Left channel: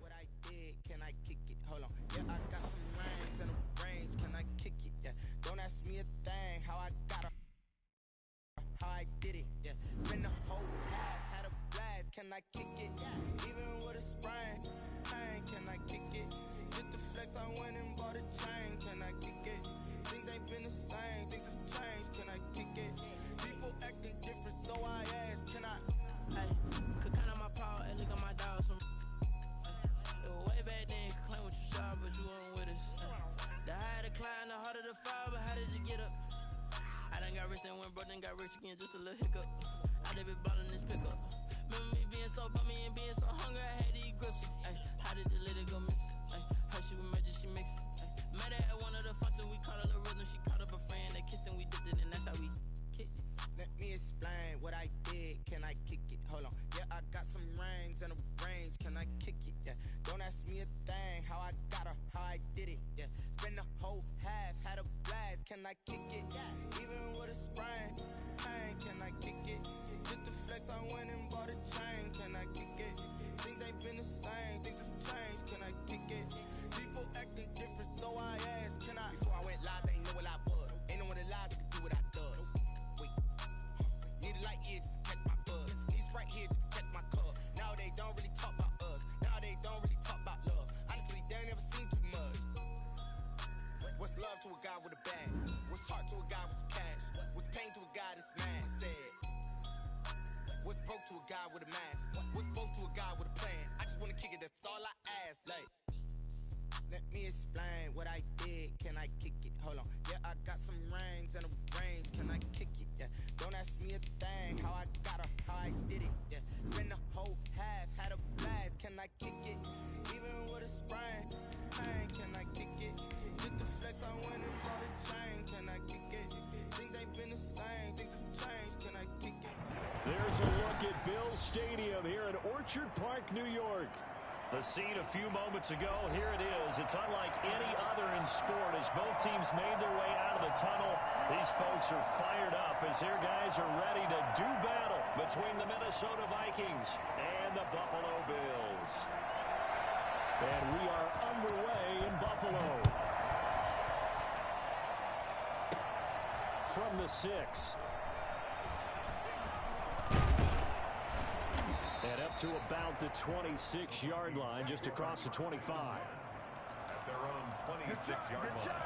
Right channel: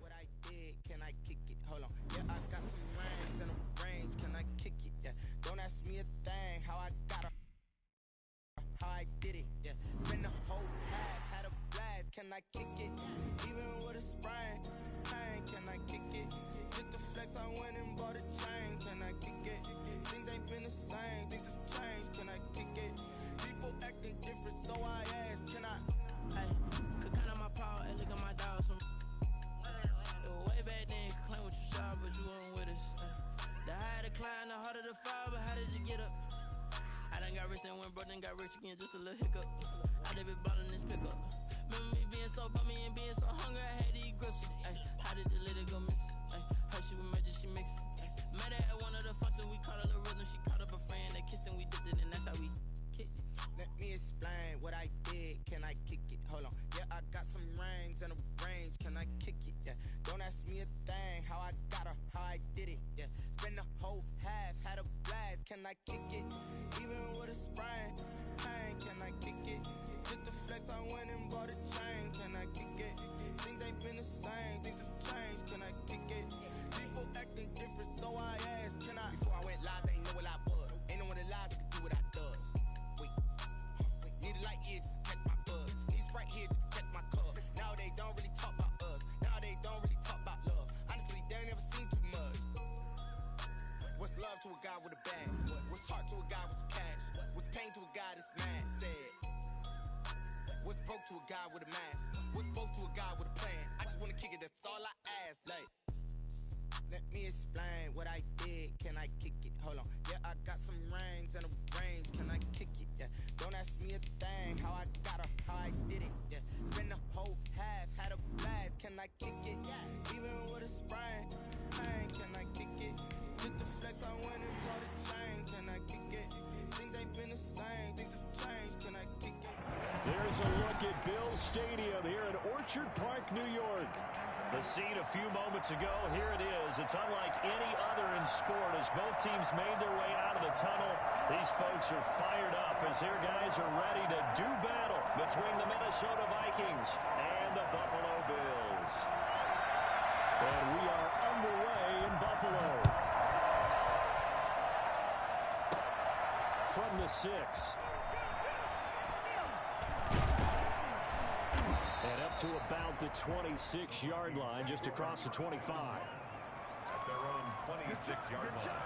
What I did, can I kick it? Hold on. Yeah, I got some rings and a range. Can I kick it? Yeah. Don't ask me a thing. How I got her. How I did it. Yeah. Spend the whole half. Had a blast. Can I kick it? Even with a sprain. Pain. Can I kick it? Just the flex. I went and bought a chain. Can I kick it? Things ain't been the same. Things have changed. Can I kick it? People acting different, so I ask. Can I? Hey, could count on my power and look at my dogs from. Way back then, claim what you saw, but you weren't with us. The higher the climb, the harder the fall, but how did you get up? I done got rich and went broke, then got rich again, just a little hiccup. I done been ballin' this pickup. Remember me being so bummy and being so hungry, I had to eat gristle. Ay, how did the lady go miss? Ay, her she was major, she mixed. Met her at one of the functions, we caught a little rhythm. She caught up a friend, they kissed and we dipped it, and that's how we kicked it. Let me explain what I did. Can I kick it? Hold on. Yeah, I got some rings and a range. Can I kick it? Yeah. Don't ask me a thing. How I got her, how I did it. Yeah. Spend the whole half. Had a blast. Can I kick it? Even with a sprain. Pain. Can I kick it? Just the flex. I went and bought a chain. Can I kick it? Things ain't been the same. Things have changed. Can I kick it? People acting different, so I asked. Can I? Before I went live, they ain't know what I was. Ain't no one alive that could do what I does. Need a light here just to catch my buzz. Need Sprite here just to catch my cup. Now they don't really talk about us. Now they don't really talk about love. Honestly, they ain't never seen too much. What's love to a guy with a bag? What's heart to a guy with some cash? What's pain to a guy that's mad? Said. What's broke to a guy with a mask? What's broke to a guy with a plan? I just wanna kick it, that's all I ask. Like, let me explain what I did. Can I kick it? Hold on. Yeah, I got some rings and a range. Can I kick it? Yeah. Don't ask me a thing. How I got her, how I did it. Yeah. Spend the whole half. Had a blast. Can I kick it? Even with a sprain. Pain. Can I kick it? Just the flex. I went and bought a chain. Can I kick it? Things ain't been the same. Things have changed. Can I kick it? There's a look at Bills Stadium here in Orchard Park, New York. The scene a few moments ago, here it is. It's unlike any other in sport as both teams made their way out of the tunnel. These folks are fired up as their guys are ready to do battle between the Minnesota Vikings and the Buffalo Bills. And we are underway in Buffalo. From the 6. And up to about the 26-yard line, just across the 25. At their own 26-yard line.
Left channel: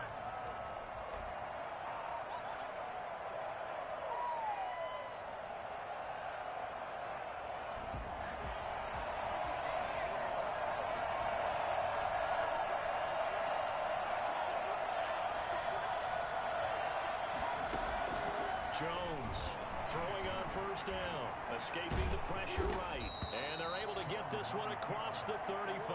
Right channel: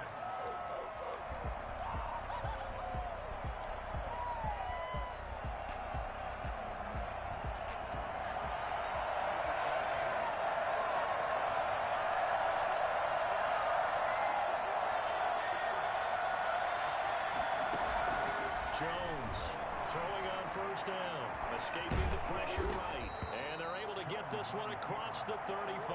Jones throwing on first down, escaping the pressure right, and they're able to get this one across the 35.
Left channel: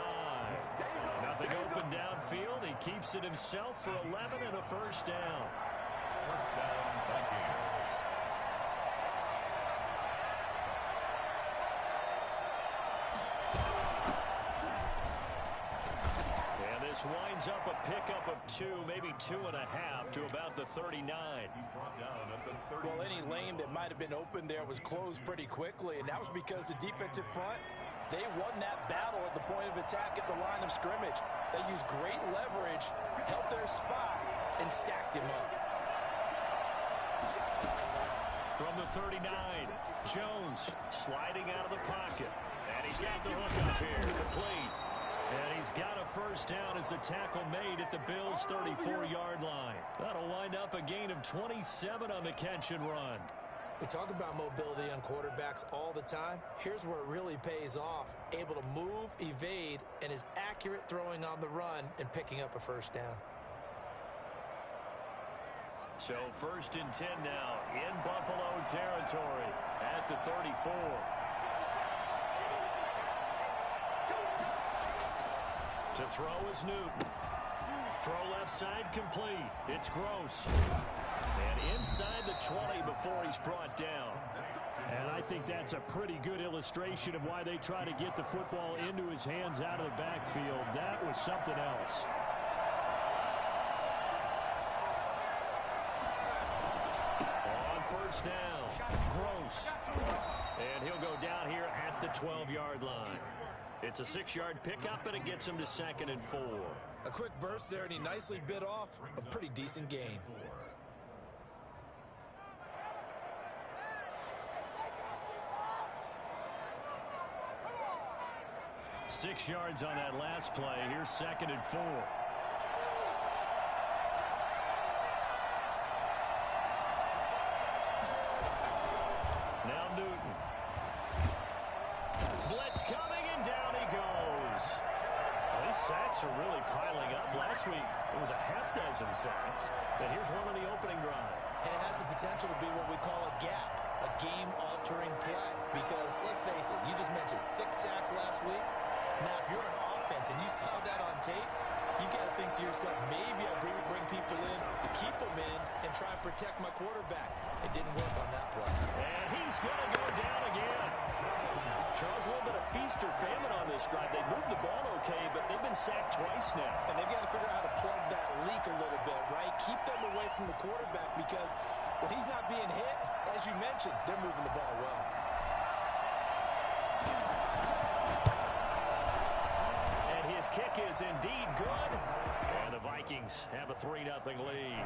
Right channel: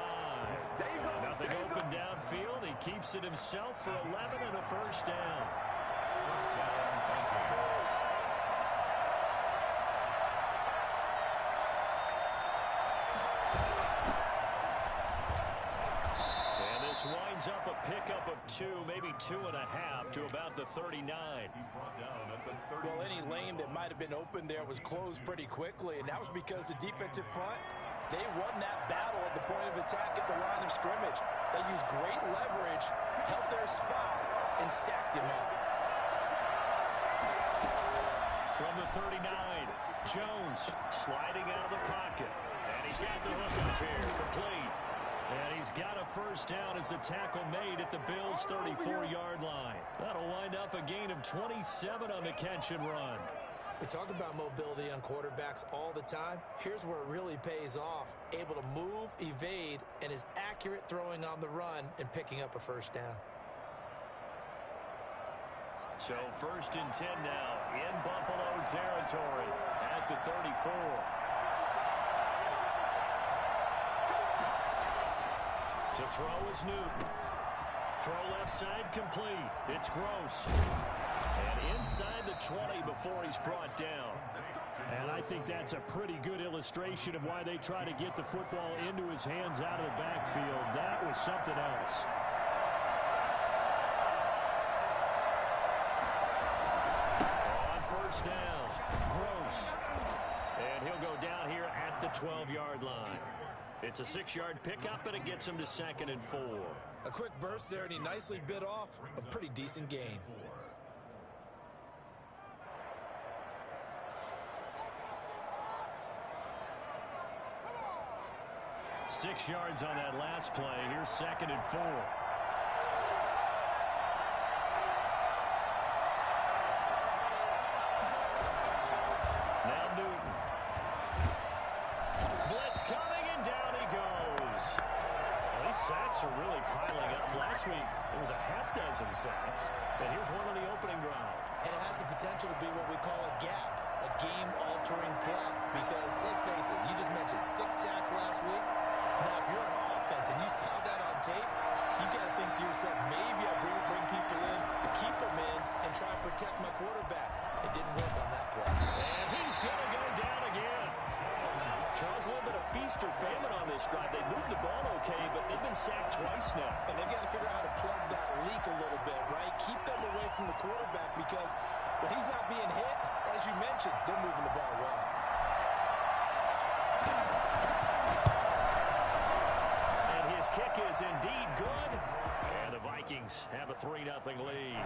Nothing open downfield. He keeps it himself for 11 and a first down. First down, Vikings. And this winds up a pickup of 2, maybe 2.5 to about the 39. He's brought down at the 30. Well, any lane that might have been open there was closed pretty quickly, and that was because the defensive front, they won that battle at the point of attack at the line of scrimmage. They used great leverage, helped their spot, and stacked him up. From the 39, Jones sliding out of the pocket. And he's got the hook up here, complete. And he's got a first down as the tackle made at the Bills' 34-yard line. That'll wind up a gain of 27 on the catch and run. We talk about mobility on quarterbacks all the time. Here's where it really pays off. Able to move, evade, and is accurate throwing on the run and picking up a first down. So 1st and 10 now in Buffalo territory at the 34. To throw is Newton. Throw left side complete. It's Gross. And inside the 20 before he's brought down. And I think that's a pretty good illustration of why they try to get the football into his hands out of the backfield. That was something else. On first down, Gross. And he'll go down here at the 12-yard line. It's a 6-yard pickup, and it gets him to 2nd and 4. A quick burst there, and he nicely bit off a pretty decent gain. 6 yards on that last play. Here's 2nd and 4. Now Newton. Blitz coming, and down he goes. Well, these sacks are really piling up. Last week, it was a half dozen sacks. And here's one on the opening drive. And it has the potential to be what we call a gap, a game-altering play. Because, let's face it, you just mentioned 6 sacks last week. Now, if you're on offense and you saw that on tape, you got to think to yourself, maybe I bring people in, keep them in, and try and protect my quarterback. It didn't work on that play. And he's going to go down again. Charles, a little bit of feast or famine on this drive. They moved the ball okay, but they've been sacked twice now. And they've got to figure out how to plug that leak a little bit, right? Keep them away from the quarterback, because when he's not being hit, as you mentioned, they're moving the ball well. His kick is indeed good, and the Vikings have a 3-0 lead.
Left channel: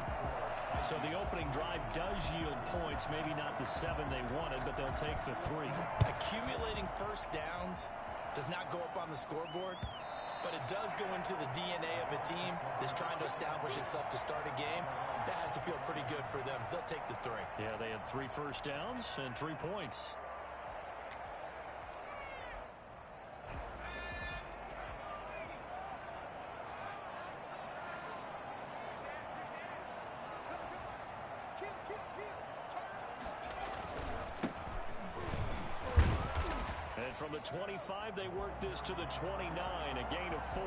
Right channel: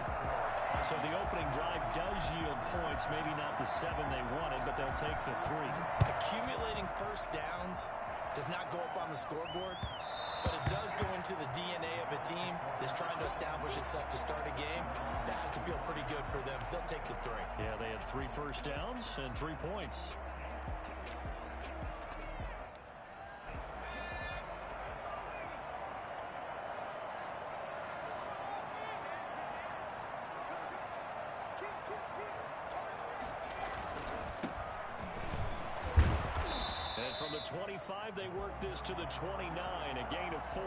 So the opening drive does yield points, maybe not the 7 they wanted, but they'll take the 3. Accumulating first downs does not go up on the scoreboard, but it does go into the DNA of a team that's trying to establish itself to start a game. That has to feel pretty good for them. They'll take the 3. Yeah, they had 3 first downs and 3 points. From the 25, they work this to the 29, a gain of 4.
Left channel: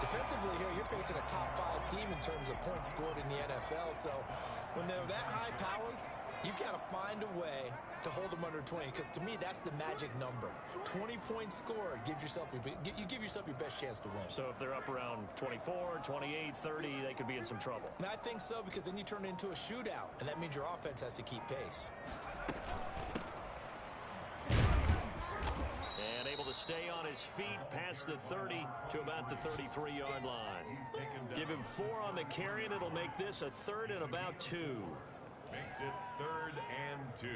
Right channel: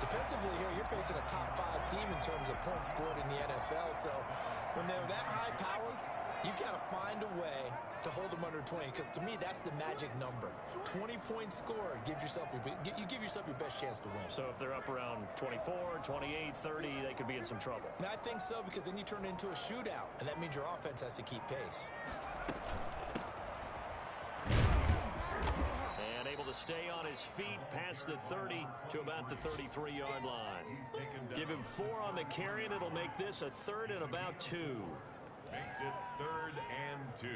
Defensively here, you're facing a top 5 team in terms of points scored in the NFL. So when they're that high powered, you've got to find a way to hold them under 20. Because to me, that's the magic number. 20 points scored, you give yourself your best chance to win. So if they're up around 24, 28, 30, they could be in some trouble. And I think so, because then you turn it into a shootout, and that means your offense has to keep pace. And able to stay on his feet past the 30 to about the 33-yard line. Give him 4 on the carry, and it'll make this a 3rd and about 2. Makes it 3rd and 2.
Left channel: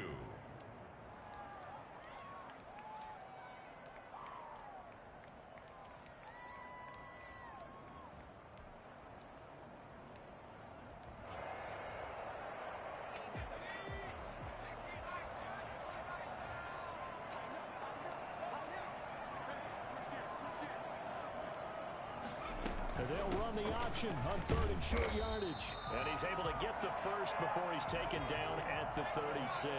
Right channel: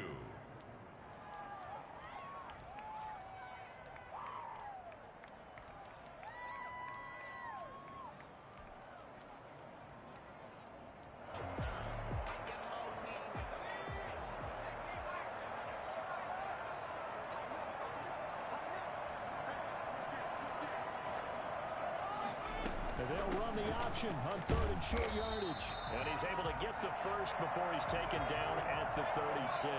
They'll run the option on 3rd and short yardage. And he's able to get the first before he's taken down at the 36.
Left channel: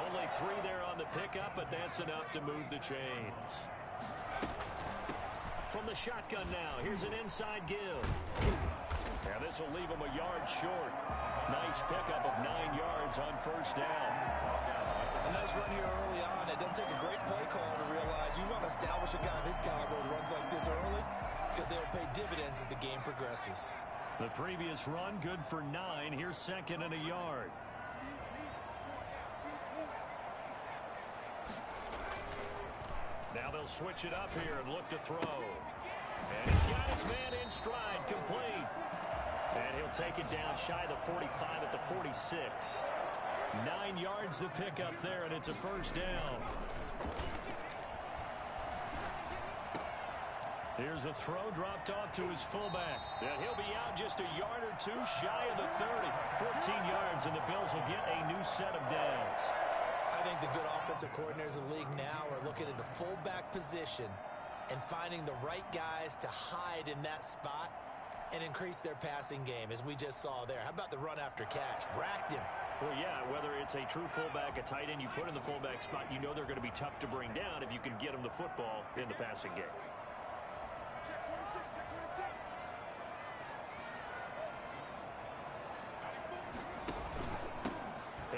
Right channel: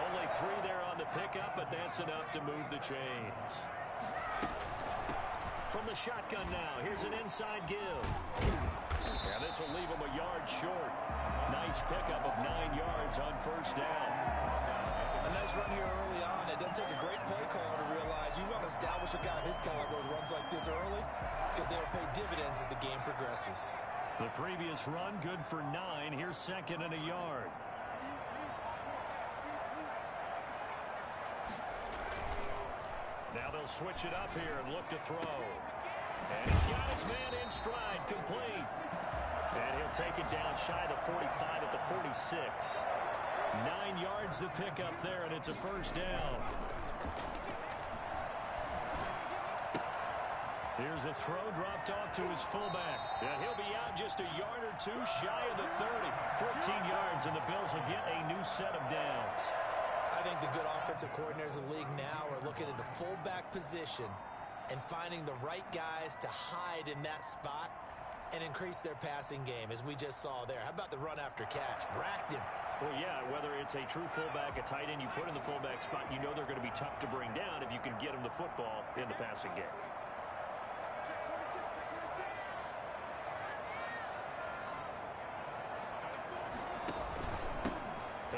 Only 3 there on the pickup, but that's enough to move the chains. From the shotgun now, here's an inside give. And this will leave him a yard short. Nice pickup of 9 yards on first down. A nice run here early on. It doesn't take a great play caller to realize you want to establish a guy of his caliber who runs like this early, because they'll pay dividends as the game progresses. The previous run, good for 9. Here's 2nd and a yard. Now they'll switch it up here and look to throw. And he's got his man in stride, complete. And he'll take it down shy of the 45 at the 46. 9 yards to pick up there, and it's a first down. Here's a throw dropped off to his fullback. And he'll be out just a yard or 2 shy of the 30. 14 yards, and the Bills will get a new set of downs. I think the good offensive coordinators in the league now are looking at the fullback position and finding the right guys to hide in that spot and increase their passing game, as we just saw there. How about the run after catch? Racked him. Well, yeah, whether it's a true fullback, a tight end you put in the fullback spot, you know they're going to be tough to bring down if you can get them the football in the passing game.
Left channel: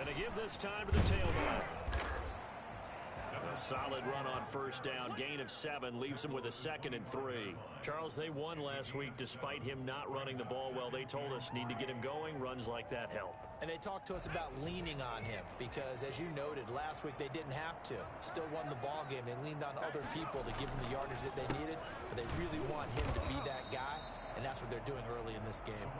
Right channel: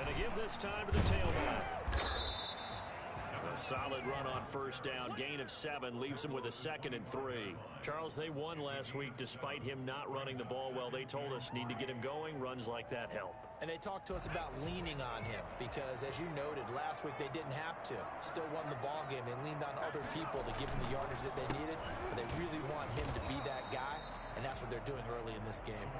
And they give this time to the tailback. A solid run on first down. Gain of 7 leaves him with a 2nd and 3. Charles, they won last week despite him not running the ball well. They told us need to get him going. Runs like that help. And they talked to us about leaning on him because, as you noted, last week they didn't have to. Still won the ball game. They leaned on other people to give them the yardage that they needed. But they really want him to be that guy, and that's what they're doing early in this game.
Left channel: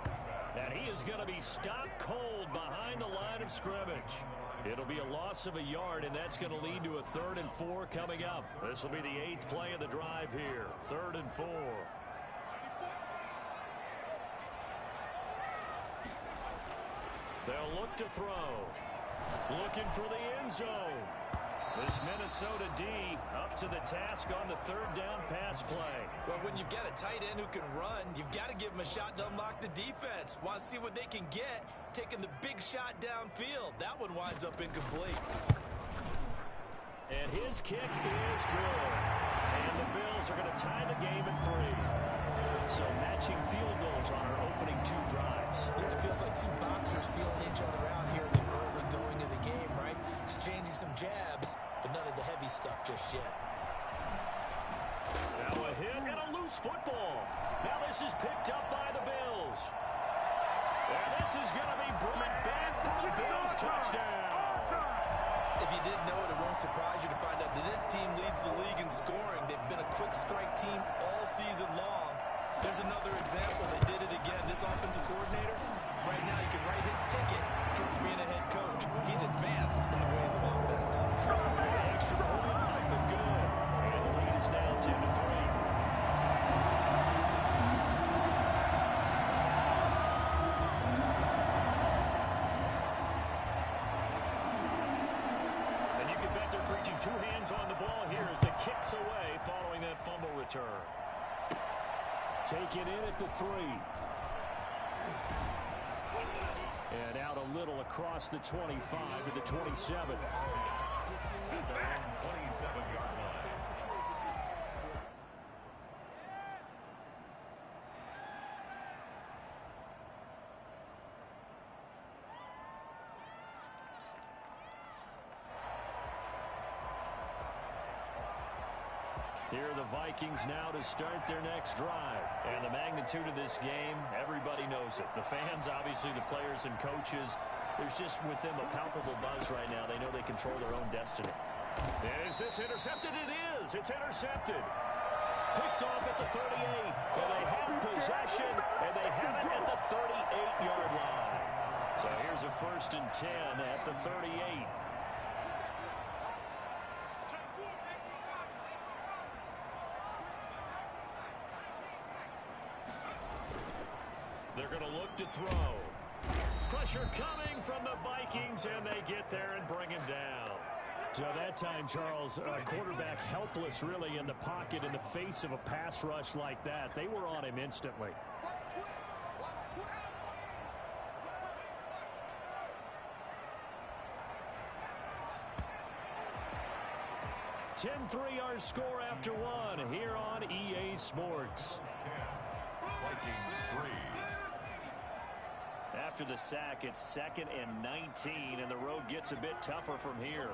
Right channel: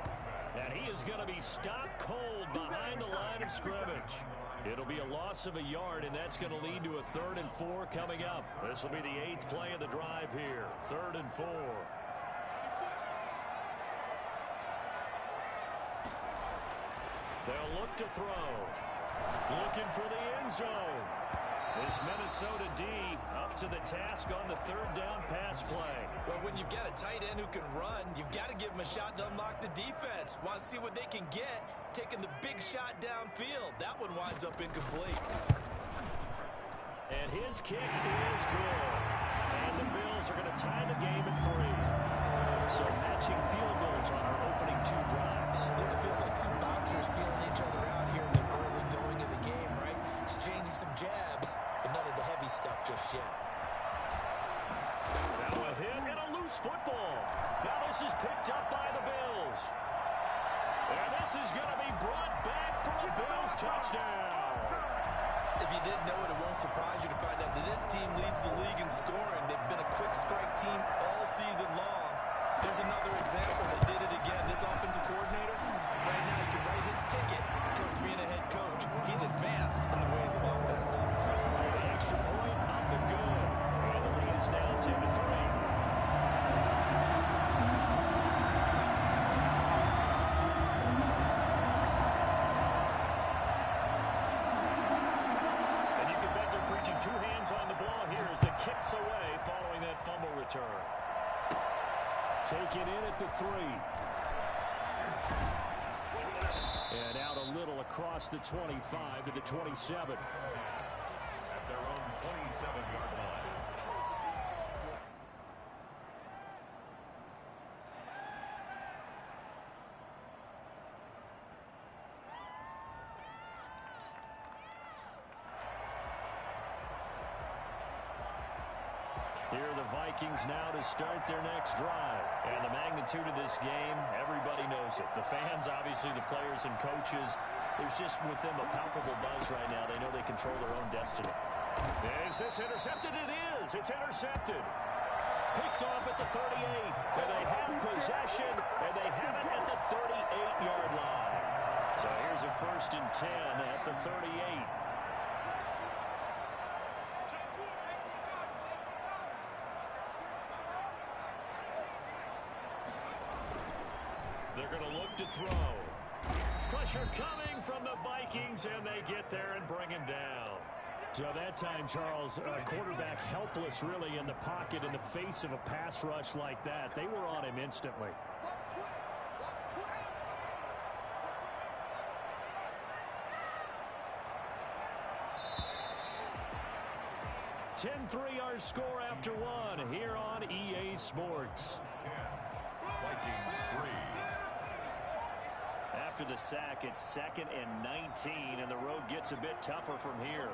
And he is going to be stopped cold behind the line of scrimmage. It'll be a loss of a yard, and that's going to lead to a 3rd and 4 coming up. This will be the 8th play of the drive here. 3rd and 4. They'll look to throw. Looking for the end zone. This Minnesota D up to the task on the 3rd down pass play. Well, when you've got a tight end who can run, you've got to give him a shot to unlock the defense. Want to see what they can get, taking the big shot downfield. That one winds up incomplete. And his kick is good. And the Bills are going to tie the game at 3. So matching field goals on our opening 2 drives. Yeah, it feels like 2 boxers feeling each other out here in the early going of the game, right? Exchanging some jabs, but none of the heavy stuff just yet. Now a hit and a loose football. Now this is picked up by the Bills. And this is going to be brought back for a Bills touchdown. If you didn't know it, it won't surprise you to find out that this team leads the league in scoring. They've been a quick strike team all season long. There's another example. They did it again. This offensive coordinator, right now he can write his ticket towards being a head coach. He's advanced in the ways of offense. The extra point up and good. And the lead is now 10-3. And you can bet they're preaching 2 hands on the ball here as the kick's away following that fumble return. Taken in at the 3. And out a little across the 25 to the 27. At their own 27-yard line. Here are the Vikings now to start their next drive. And the magnitude of this game, everybody knows it. The fans, obviously, the players and coaches. There's just with them a palpable buzz right now. They know they control their own destiny. Is this intercepted? It is. It's intercepted. Picked off at the 38. And they have possession. And they have it at the 38-yard line. So here's a 1st and 10 at the 38. They're going to look to throw. Pressure coming from the Vikings, and they get there and bring him down. So that time, Charles, quarterback helpless really in the pocket in the face of a pass rush like that. They were on him instantly. 10-3 our score after 1 here on EA Sports. 10. Vikings 3. After the sack, it's 2nd and 19, and the road gets a bit tougher from here.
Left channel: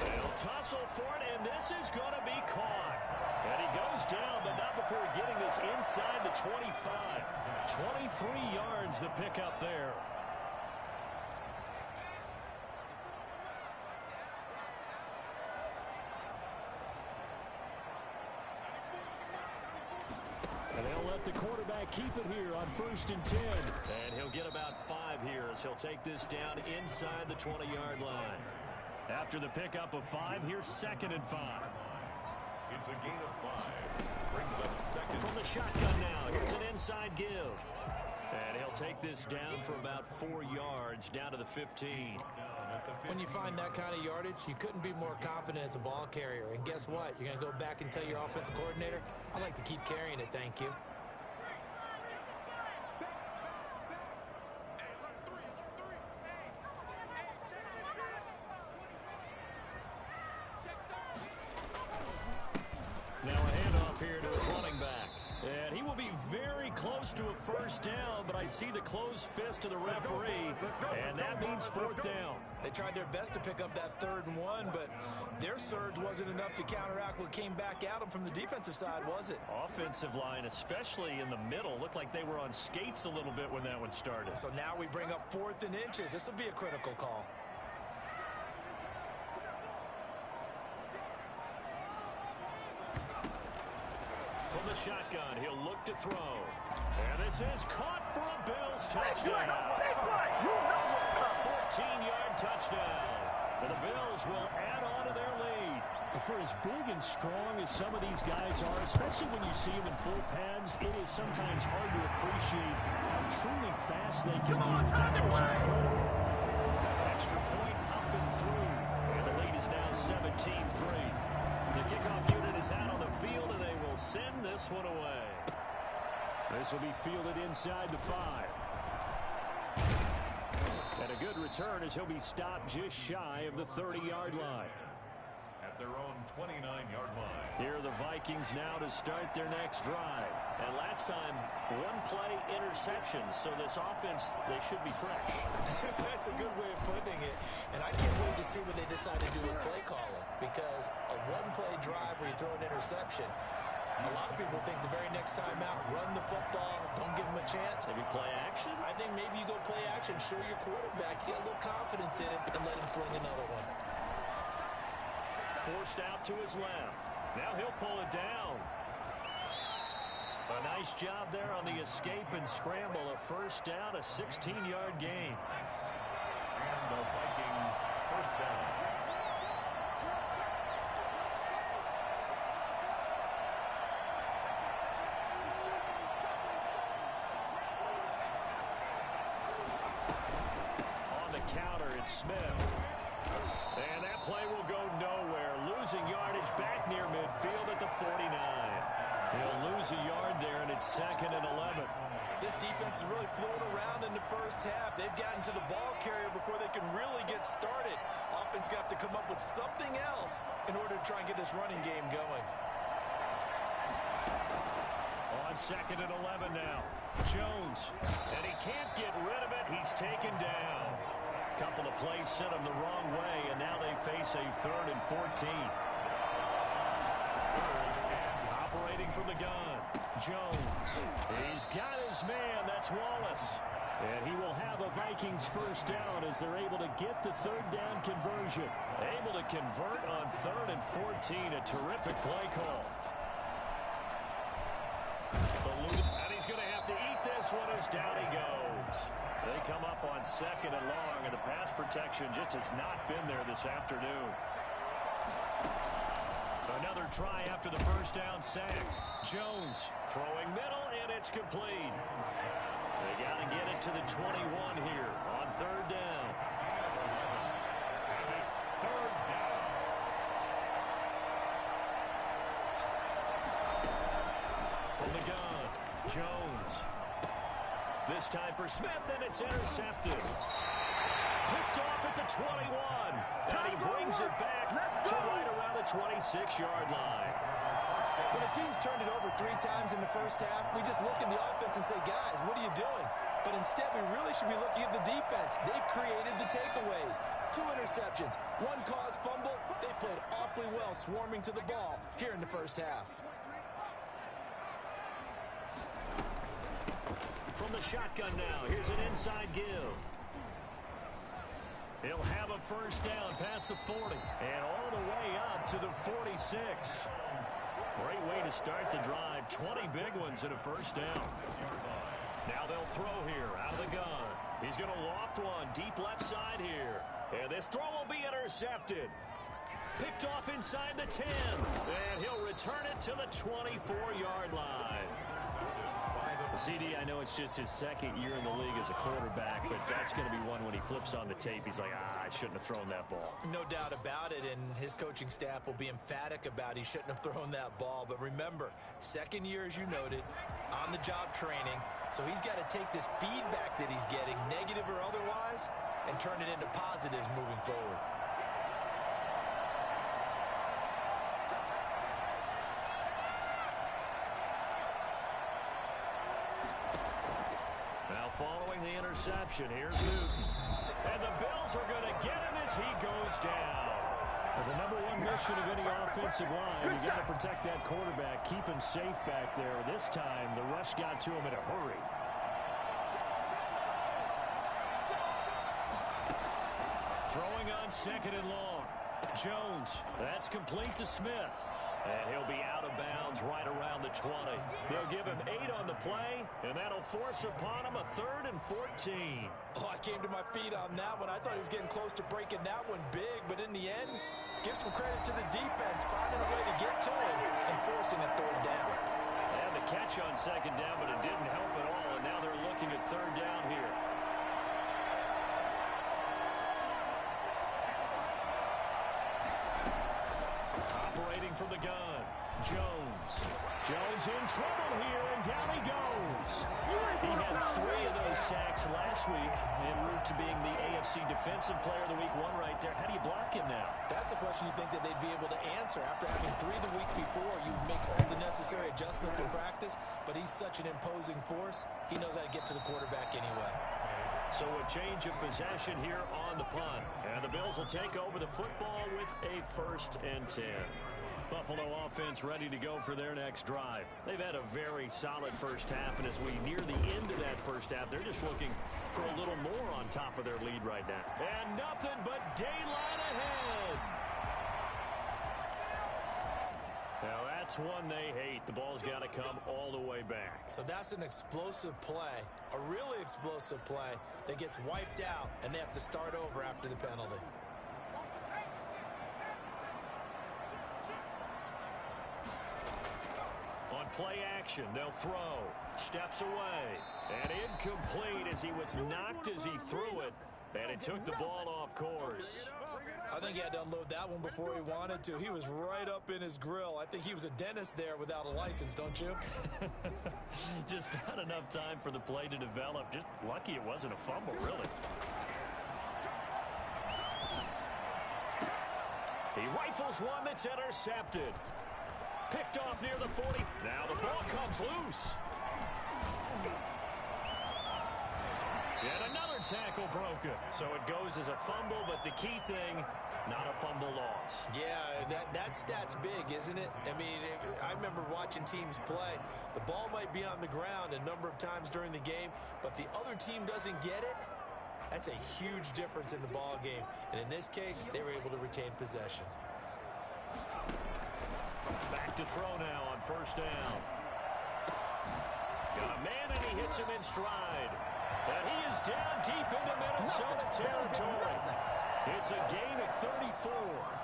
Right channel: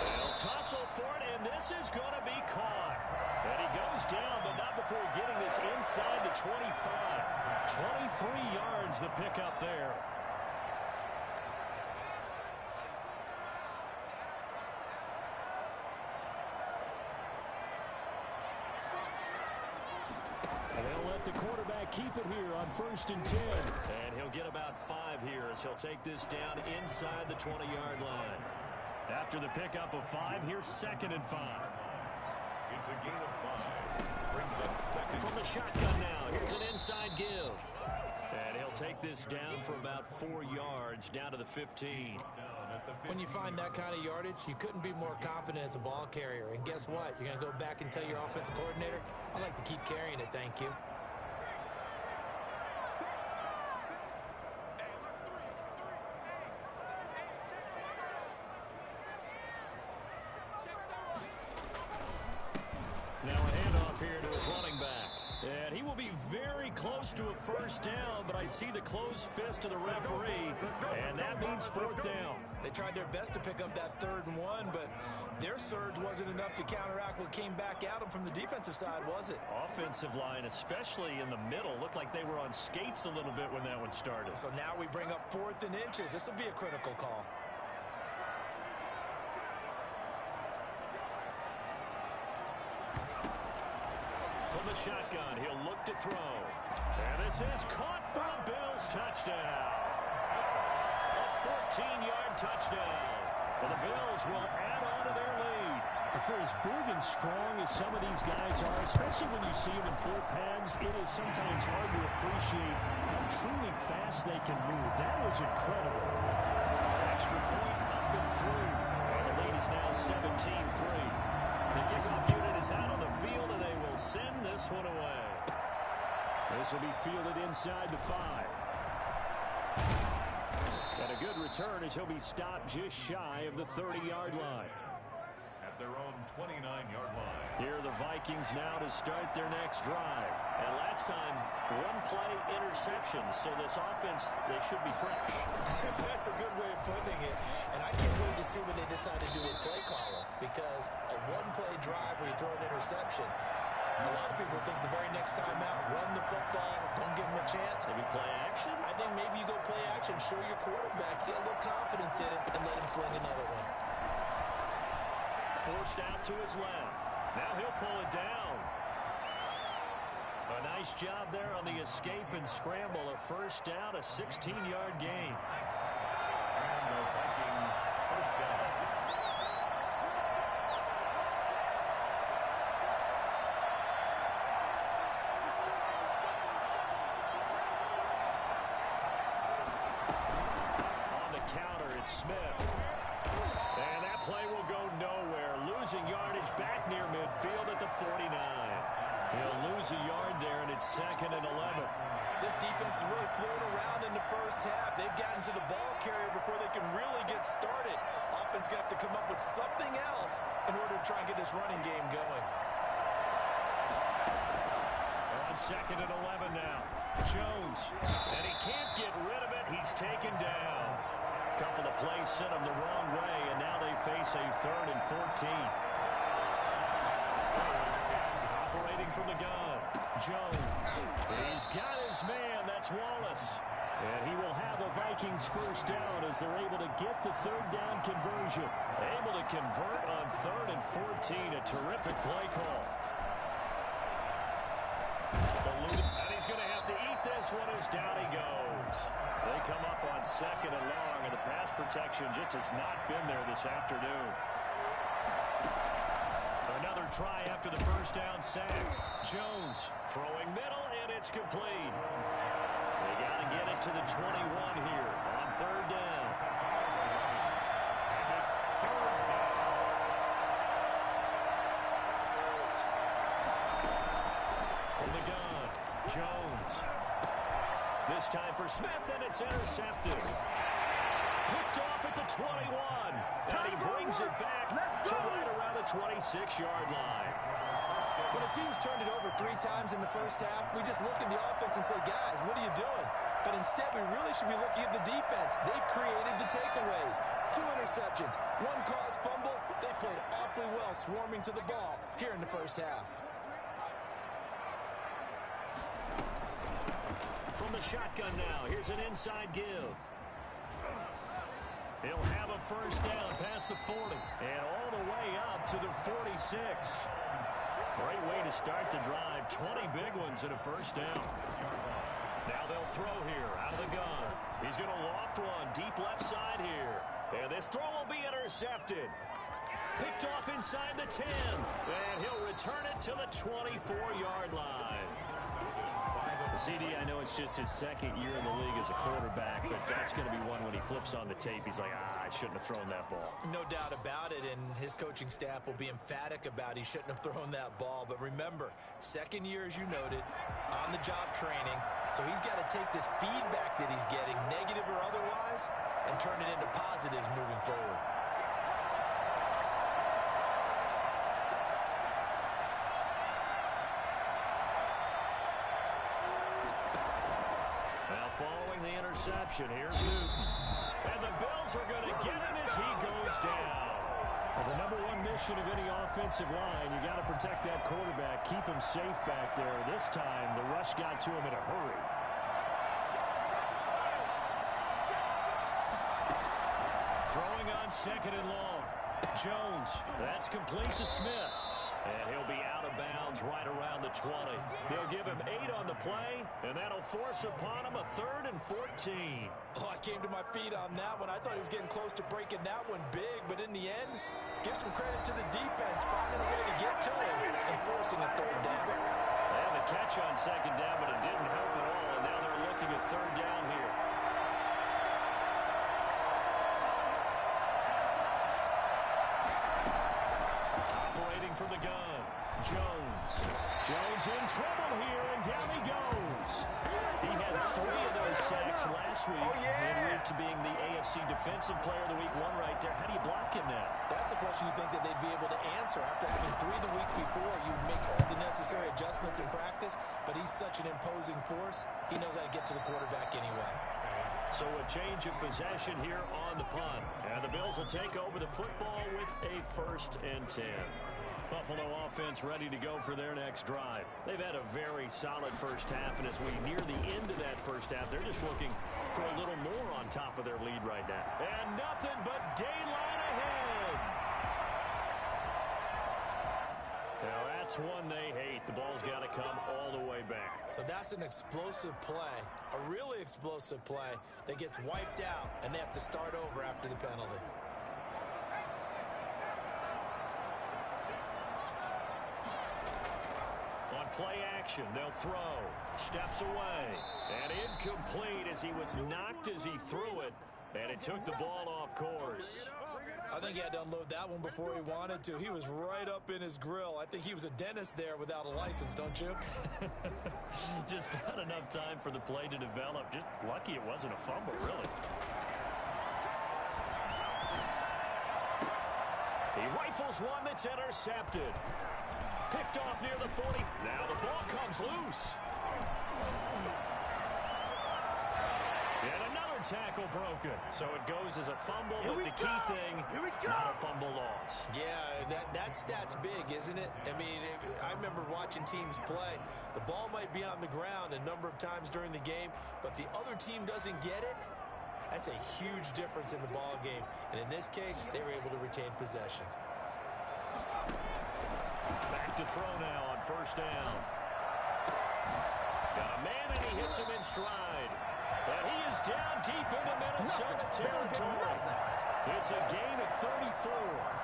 They'll tussle for it, and this is going to be caught. And he goes down, but not before getting this inside the 25. 23 yards the pickup there. And they'll let the quarterback keep it here on 1st and 10. And he'll get about 5 here as he'll take this down inside the 20-yard line. After the pickup of 5, here's 2nd and 5. It's a gain of 5. Brings up 2nd. From the shotgun now, here's an inside give. And he'll take this down for about 4 yards, down to the 15. When you find that kind of yardage, you couldn't be more confident as a ball carrier. And guess what? You're going to go back and tell your offensive coordinator, I'd like to keep carrying it, thank you. close to a first down, but I see the closed fist of the referee, and that means fourth down. They tried their best to pick up that 3rd and 1, but their surge wasn't enough to counteract what came back at them from the defensive side, was it? Offensive line, especially in the middle, looked like they were on skates a little bit when that one started. So now we bring up 4th and inches. This will be a critical call. From the shotgun, he'll look to throw. And this is caught for a Bills touchdown. A 14-yard touchdown. And the Bills will add on to their lead. For as big and strong as some of these guys are, especially when you see them in full pads, it is sometimes hard to appreciate how truly fast they can move. That was incredible. Extra point up and through. And the lead is now 17-3. The kickoff unit is out on the field, and they will send this one away. This will be fielded inside the 5. And a good return as he'll be stopped just shy of the 30-yard line. At their own 29-yard line. Here are the Vikings now to start their next drive. And last time, one-play interceptions, so this offense, they should be fresh. That's a good way of putting it. And I can't wait to see what they decide to do with play calling, because a one-play drive where you throw an interception, a lot of people think the very next time out, run the football, don't give them a chance. Maybe play action? I think maybe you go play action, show your quarterback, you got a little confidence in it, and let him fling another one. Forced out to his left. Now he'll pull it down. A nice job there on the escape and scramble. A first down, a 16-yard gain. And the Vikings first down. On the counter, it's Smith. And that play will go nowhere. Losing yardage back near midfield at the 49. He'll lose a yard there, and it's 2nd and 11. This defense is really flown around in the first half. They've gotten to the ball carrier before they can really get started. Offense going to have to come up with something else in order to try and get this running game going. On 2nd and 11 now. Jones. And he can't get rid of it. He's taken down. Couple of plays sent him the wrong way, and now they face a 3rd and 14. Operating from the gun, Jones. He's got his man. That's Wallace. And he will have a Vikings first down as they're able to get the 3rd down conversion. Able to convert on 3rd and 14. A terrific play call. And he's going to have to eat this one as down he goes. They come up on 2nd and long, and the pass protection just has not been there this afternoon. Another try after the first down sack. Jones throwing middle, and it's complete. They got to get it to the 21 here on 3rd down. And it's 3rd down. From the gun, Jones. This time for Smith, and it's intercepted. Picked off at the 21. And he brings it back to right around the 26-yard line. When a team's turned it over 3 times in the first half, we just look at the offense and say, guys, what are you doing? But instead, we really should be looking at the defense. They've created the takeaways. 2 interceptions, 1 caused fumble. They played awfully well swarming to the ball here in the first half. From the shotgun now, here's an inside give. He'll have a first down past the 40 and all the way up to the 46. Great way to start the drive. 20 big ones and a first down. Now they'll throw here out of the gun. He's going to loft one deep left side here. And this throw will be intercepted. Picked off inside the 10. And he'll return it to the 24-yard line. CD, I know it's just his 2nd year in the league as a quarterback, but that's going to be one when he flips on the tape. He's like, I shouldn't have thrown that ball. No doubt about it, and his coaching staff will be emphatic about he shouldn't have thrown that ball. But remember, 2nd year, as you noted, on-the-job training, so he's got to take this feedback that he's getting, negative or otherwise, and turn it into positives moving forward. following the interception, here's Newton. And the Bills are going to get him as he goes down. Well, the number one mission of any offensive line, you got to protect that quarterback, keep him safe back there. This time, the rush got to him in a hurry. Throwing on second and long. Jones, that's complete to Smith. And he'll be out of bounds right around the 20. They'll give him 8 on the play, and that'll force upon him a 3rd and 14. Oh, I came to my feet on that one. I thought he was getting close to breaking that one big, but in the end, give some credit to the defense, finding a way to get to him and forcing a 3rd down. They had the catch on 2nd down, but it didn't help at all, and now they're looking at 3rd down here. Operating from the gun, Jones. Jones in trouble here, and down he goes. He had 3 of those sacks last week, en route to being the AFC Defensive Player of the Week 1 right there. How do you block him now? That's the question you think that they'd be able to answer. After having 3 the week before, you make all the necessary adjustments in practice, but he's such an imposing force, he knows how to get to the quarterback anyway. So a change of possession here on the punt. And the Bills will take over the football with a 1st and 10. Buffalo offense ready to go for their next drive. They've had a very solid first half, and as we near the end of that first half, they're just looking for a little more on top of their lead right now. And nothing but daylight ahead. Now that's one they hate. The ball's got to come all the way back. So that's an explosive play, a really explosive play that gets wiped out, and they have to start over after the penalty. On play action, they'll throw. Steps away. And incomplete as he was knocked as he threw it. And it took the ball off course. I think he had to unload that one before he wanted to. He was right up in his grill. I think he was a dentist there without a license, don't you? Just not enough time for the play to develop. Just lucky it wasn't a fumble, really. He rifles one that's intercepted. Picked off near the 40. Now the ball comes loose. And another tackle broken. So it goes as a fumble, but the key thing, not a fumble loss. Yeah, that stat's big, isn't it? I mean, I remember watching teams play. The ball might be on the ground a number of times during the game, but the other team doesn't get it. That's a huge difference in the ball game. And in this case, they were able to retain possession. Back to throw now on 1st down. Got a man, and he hits him in stride. And he is down deep into Minnesota territory. It's a gain of 34.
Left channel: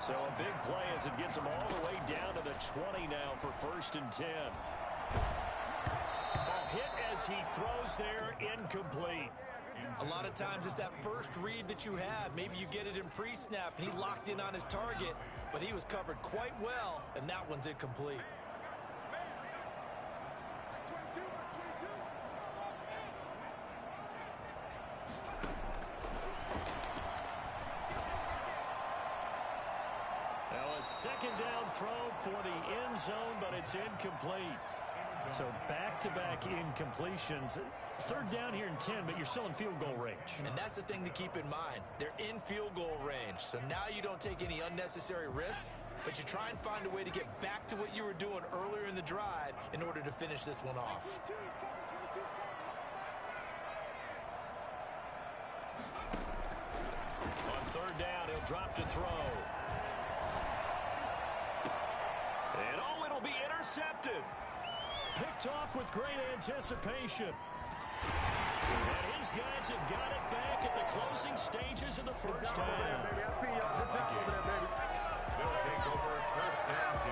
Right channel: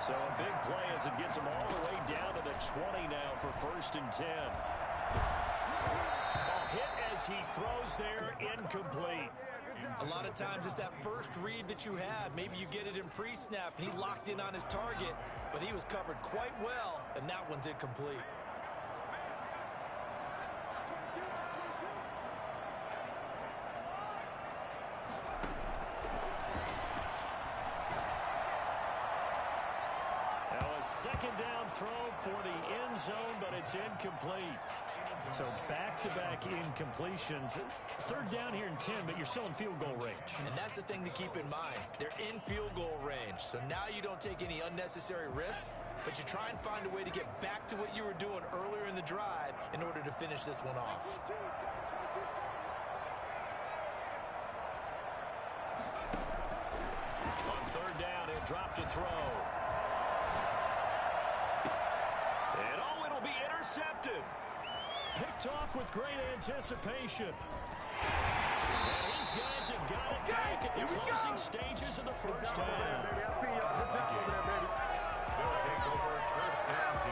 So a big play as it gets him all the way down to the 20 now for 1st and 10. Ball hit as he throws there, incomplete. A lot of times it's that first read that you have. Maybe you get it in pre-snap, and he locked in on his target, but he was covered quite well, and that one's incomplete. Now a 2nd down throw for the end zone, but it's incomplete. So back-to-back incompletions. 3rd down here and 10, but you're still in field goal range. And that's the thing to keep in mind. They're in field goal range. So now you don't take any unnecessary risks, but you try and find a way to get back to what you were doing earlier in the drive in order to finish this one off. On 3rd down, he'll drop to throw. And oh, it'll be intercepted. Picked off with great anticipation. And his guys have got it back at the closing stages of the first half. They'll take over 1st and 10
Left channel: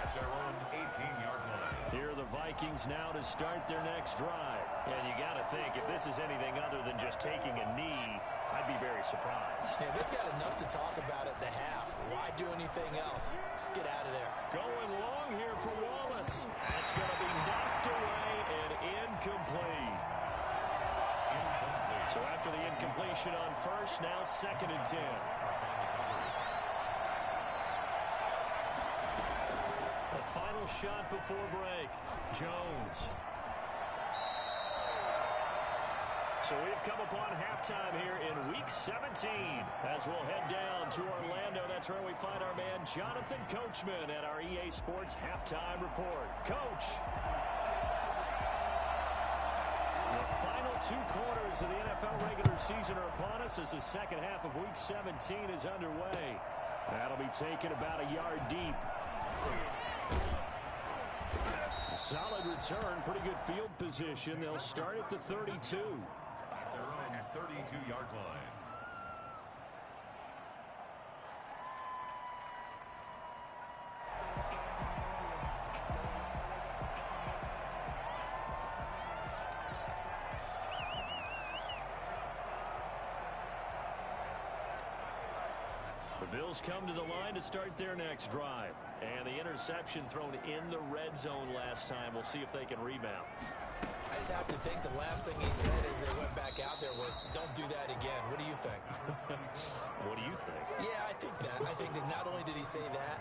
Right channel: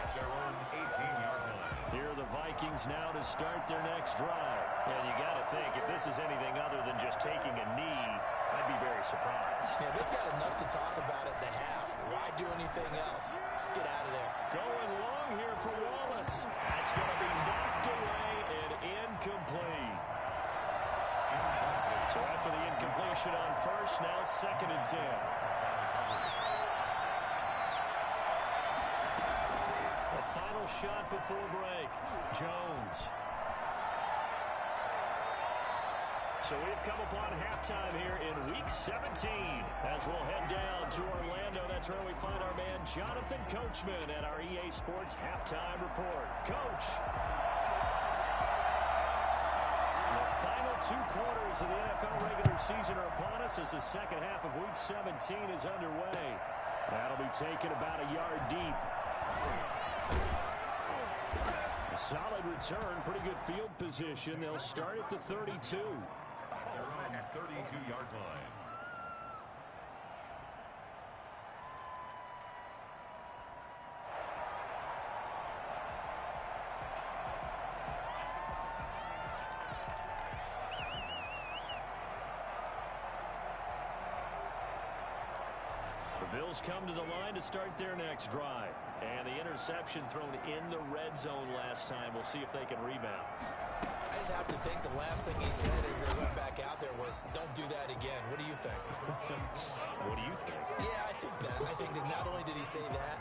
at their own 18-yard line. Here are the Vikings now to start their next drive. And you got to think, if this is anything other than just taking a knee, I'd be very surprised. Yeah, they've got enough to talk about at the half. Why do anything else? Just get out of there. Going long here for Wallace. That's going to be knocked away and incomplete. So after the incompletion on 1st, now 2nd and 10. A final shot before break. Jones. So we've come upon halftime here in Week 17. As we'll head down to Orlando, that's where we find our man Jonathan Coachman at our EA Sports Halftime Report. Coach. The final 2 quarters of the NFL regular season are upon us as the second half of Week 17 is underway. That'll be taken about a yard deep. A solid return, pretty good field position. They'll start at the 32. At their own 32-yard line. The Bills come to the line to start their next drive. And the interception thrown in the red zone last time. We'll see if they can rebound. I just have to think the last thing he said as they went back out there was, don't do that again. What do you think? What do you think? Yeah, I think that. I think that not only did he say that,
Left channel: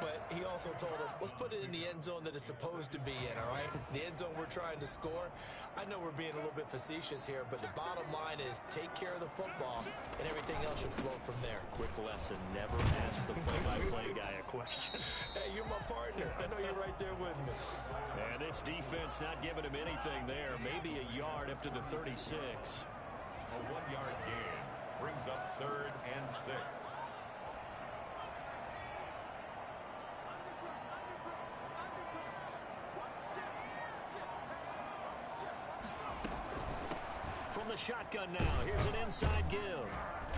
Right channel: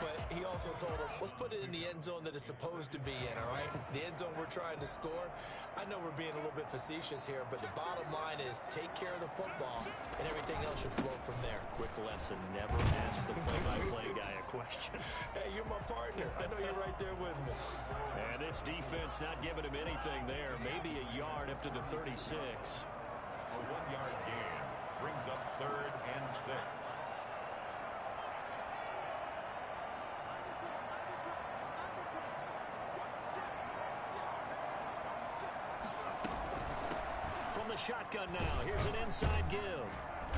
but he also told him, let's put it in the end zone that it's supposed to be in, all right? The end zone we're trying to score. I know we're being a little bit facetious here, but the bottom line is take care of the football, and everything else should flow from there. Quick lesson, never ask the play-by-play guy a question. Hey, you're my partner. I know you're right there with me. And this defense not giving him anything there. Maybe a yard up to the 36. A 1-yard gain brings up 3rd and 6. From the shotgun now, here's an inside give.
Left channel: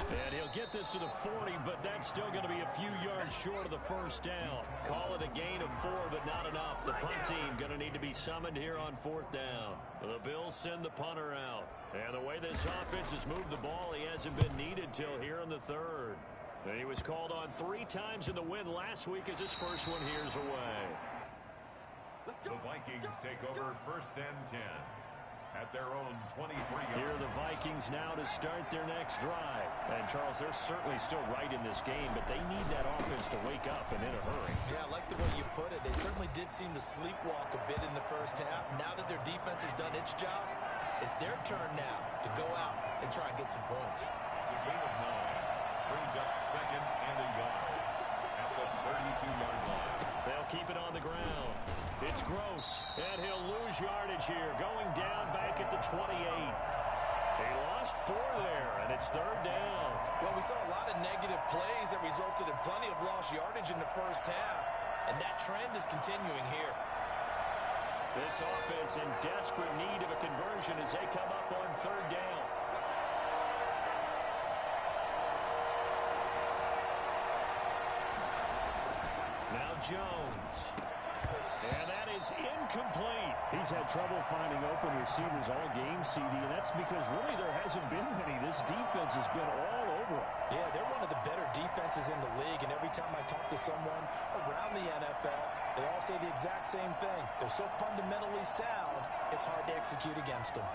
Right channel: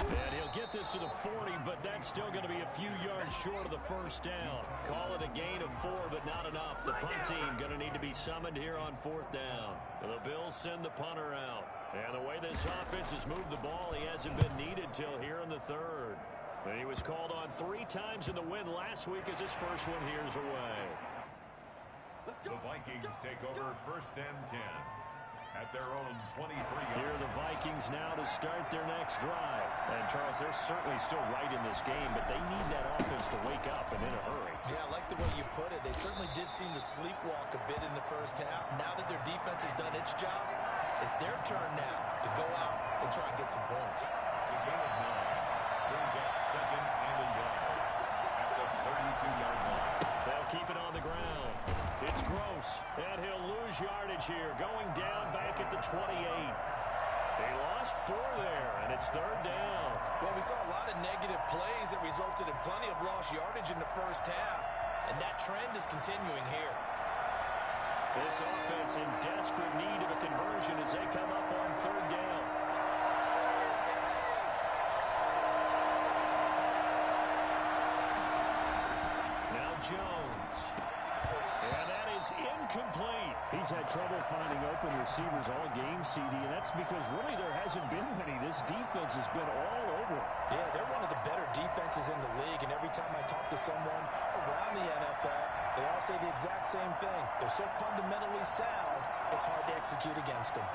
And he'll get this to the 40, but that's still going to be a few yards short of the first down. Call it a gain of 4, but not enough. The punt team going to need to be summoned here on 4th down. The Bills send the punter out. And the way this offense has moved the ball, he hasn't been needed till here in the 3rd. And he was called on 3 times in the win last week as his first one here's away. The Vikings take over 1st and 10. At their own 23-yard. Here are the Vikings now to start their next drive. And, Charles, they're certainly still right in this game, but they need that offense to wake up and in a hurry. Yeah, I like the way you put it. They certainly did seem to sleepwalk a bit in the first half. Now that their defense has done its job, it's their turn now to go out and try and get some points. It's a gain of 9. Brings up 2nd and a yard. At the 32-yard line. They'll keep it on the ground. It's Gross, and he'll lose yardage here, going down back at the 28. He lost 4 there, and it's 3rd down. Well, we saw a lot of negative plays that resulted in plenty of lost yardage in the first half, and that trend is continuing here. This offense in desperate need of a conversion as they come up on 3rd down. Now Jones. And that is incomplete. He's had trouble finding open receivers all game, CD, and that's because really there hasn't been many. This defense has been all over him. Yeah, they're one of the better defenses in the league, and every time I talk to someone around the NFL, they all say the exact same thing. They're so fundamentally sound, it's hard to execute against them.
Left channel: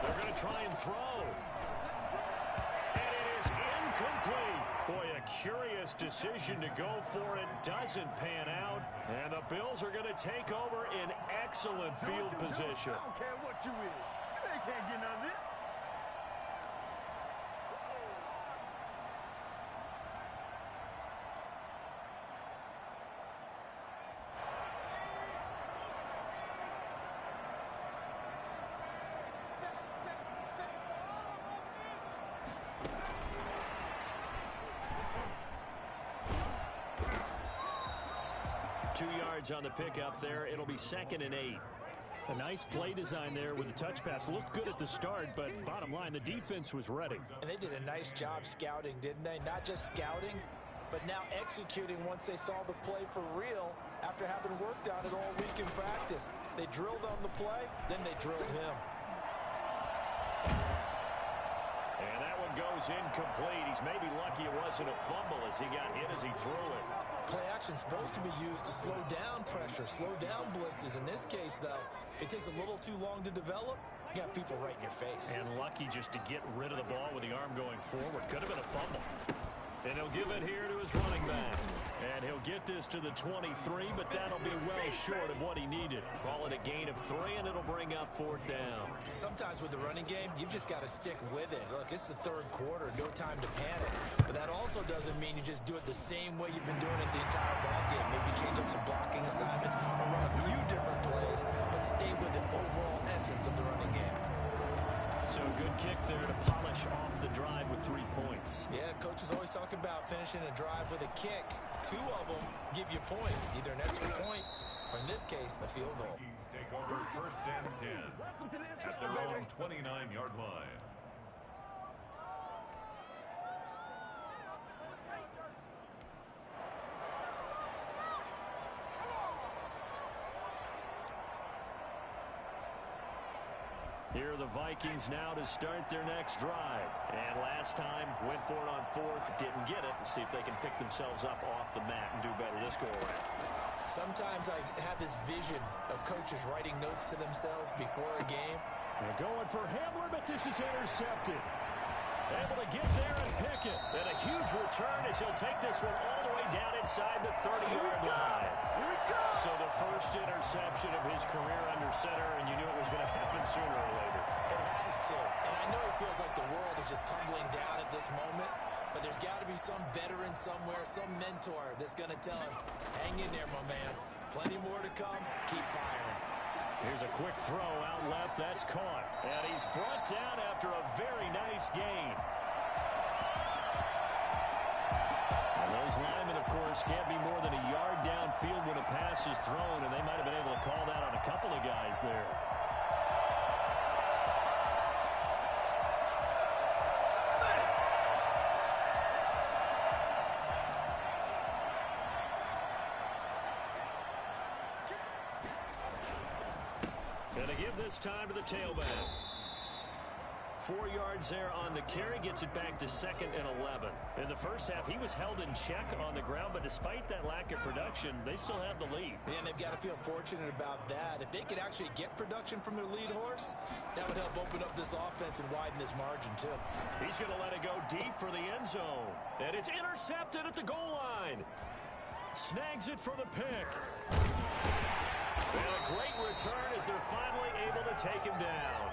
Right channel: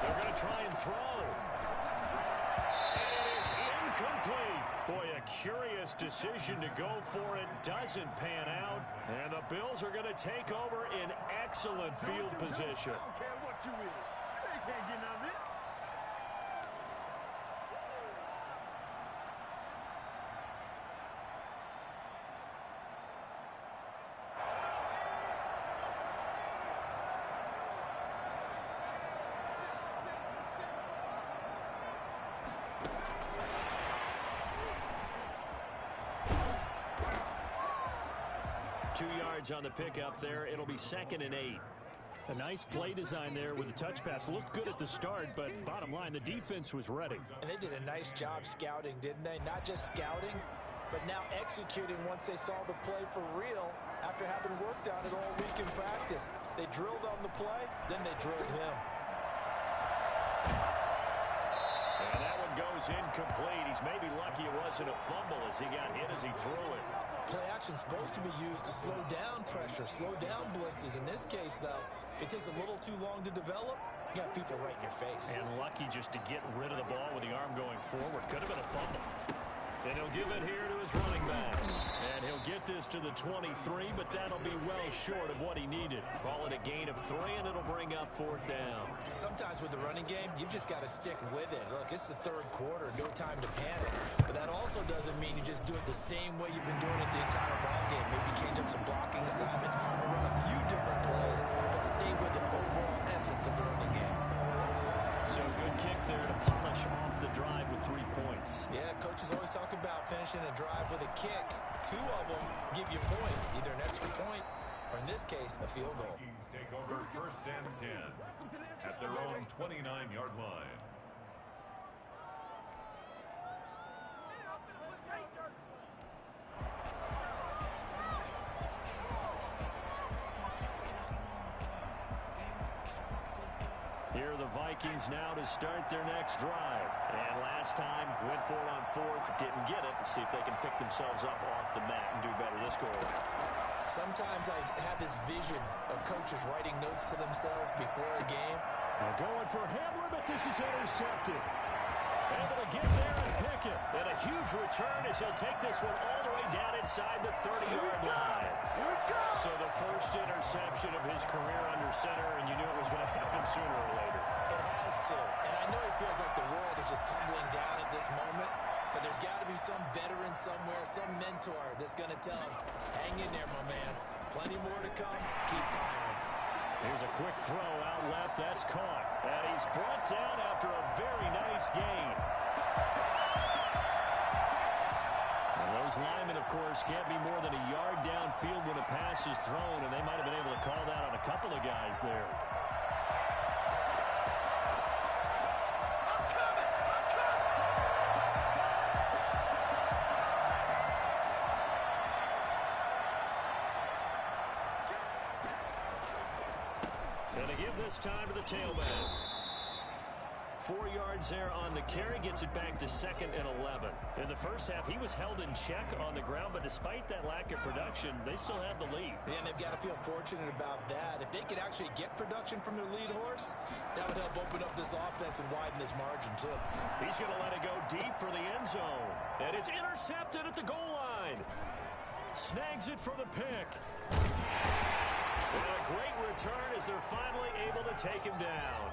They're going to try and throw. And it is incomplete. Boy, a curious decision to go for it. Doesn't pan out. And the Bills are going to take over in excellent field position. I don't care what you is. You can't get none of this. On the pickup there. It'll be 2nd and 8. A nice play design there with the touch pass. Looked good at the start, but bottom line, the defense was ready. And they did a nice job scouting, didn't they? Not just scouting, but now executing once they saw the play for real after having worked on it all week in practice. They drilled on the play, then they drilled him. And that one goes incomplete. He's maybe lucky it wasn't a fumble as he got hit as he threw it. Play action's supposed to be used to slow down pressure, slow down blitzes. In this case, though, if it takes a little too long to develop, you got people right in your face. And lucky just to get rid of the ball with the arm going forward. Could have been a fumble. And he'll give it here to his running back. And he'll get this to the 23, but that'll be well short of what he needed. Call it a gain of 3, and it'll bring up 4th down. Sometimes with the running game, you've just got to stick with it. Look, it's the 3rd quarter, no time to panic. But that also doesn't mean you just do it the same way you've been doing it the entire ball game. Maybe change up some blocking assignments or run a few different plays, but stay with the overall essence of the running game. So good kick there to polish off the drive with 3 points. Yeah, coaches always talk about finishing a drive with a kick. 2 of them give you points, either an extra point or, in this case, a field goal. Vikings take over 1st and 10 at their own 29-yard line. Here are the Vikings now to start their next drive. And last time, went for it on 4th, didn't get it. See if they can pick themselves up off the mat and do better this go-around. Sometimes I have this vision of coaches writing notes to themselves before a game. They're going for Hamler, but this is intercepted. Able to get there and pick it. And a huge return as he'll take this one all the way down inside the 30-yard line. Here we go! So the first interception of his career under center, and you knew it was going to happen sooner or later. It has to. And I know it feels like the world is just tumbling down at this moment, but there's got to be some veteran somewhere, some mentor that's going to tell him, hang in there, my man. Plenty more to come. Keep firing. Here's a quick throw out left. That's caught. And he's brought down after a very nice gain. Now those linemen, of course, can't be more than a yard downfield when a pass is thrown, and they might have been able to call that on a couple of guys there. And to give this time to the tailback. 4 yards there on the carry, gets it back to 2nd and 11. In the first half, he was held in check on the ground, but despite that lack of production, they still have the lead. And they've got to feel fortunate about that. If they could actually get production from their lead horse, that would help open up this offense and widen this margin, too. He's going to let it go deep for the end zone. And it's intercepted at the goal line. Snags it for the pick. And a great return as they're finally able to take him down.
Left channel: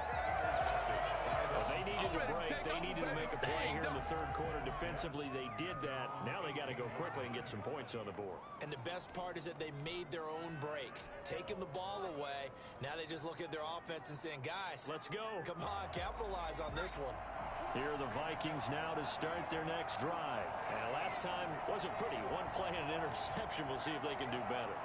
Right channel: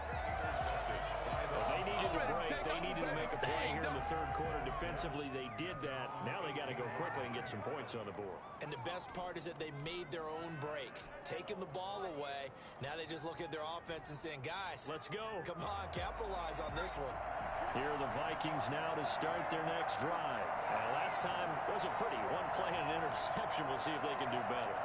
Well, they needed to break. They needed to make a play here in the 3rd quarter. Defensively, they did that. Now they got to go quickly and get some points on the board. And the best part is that they made their own break. Taking the ball away. Now they just look at their offense and saying, guys, let's go. Come on, capitalize on this one. Here are the Vikings now to start their next drive. And last time wasn't pretty. 1 play and an interception. We'll see if they can do better.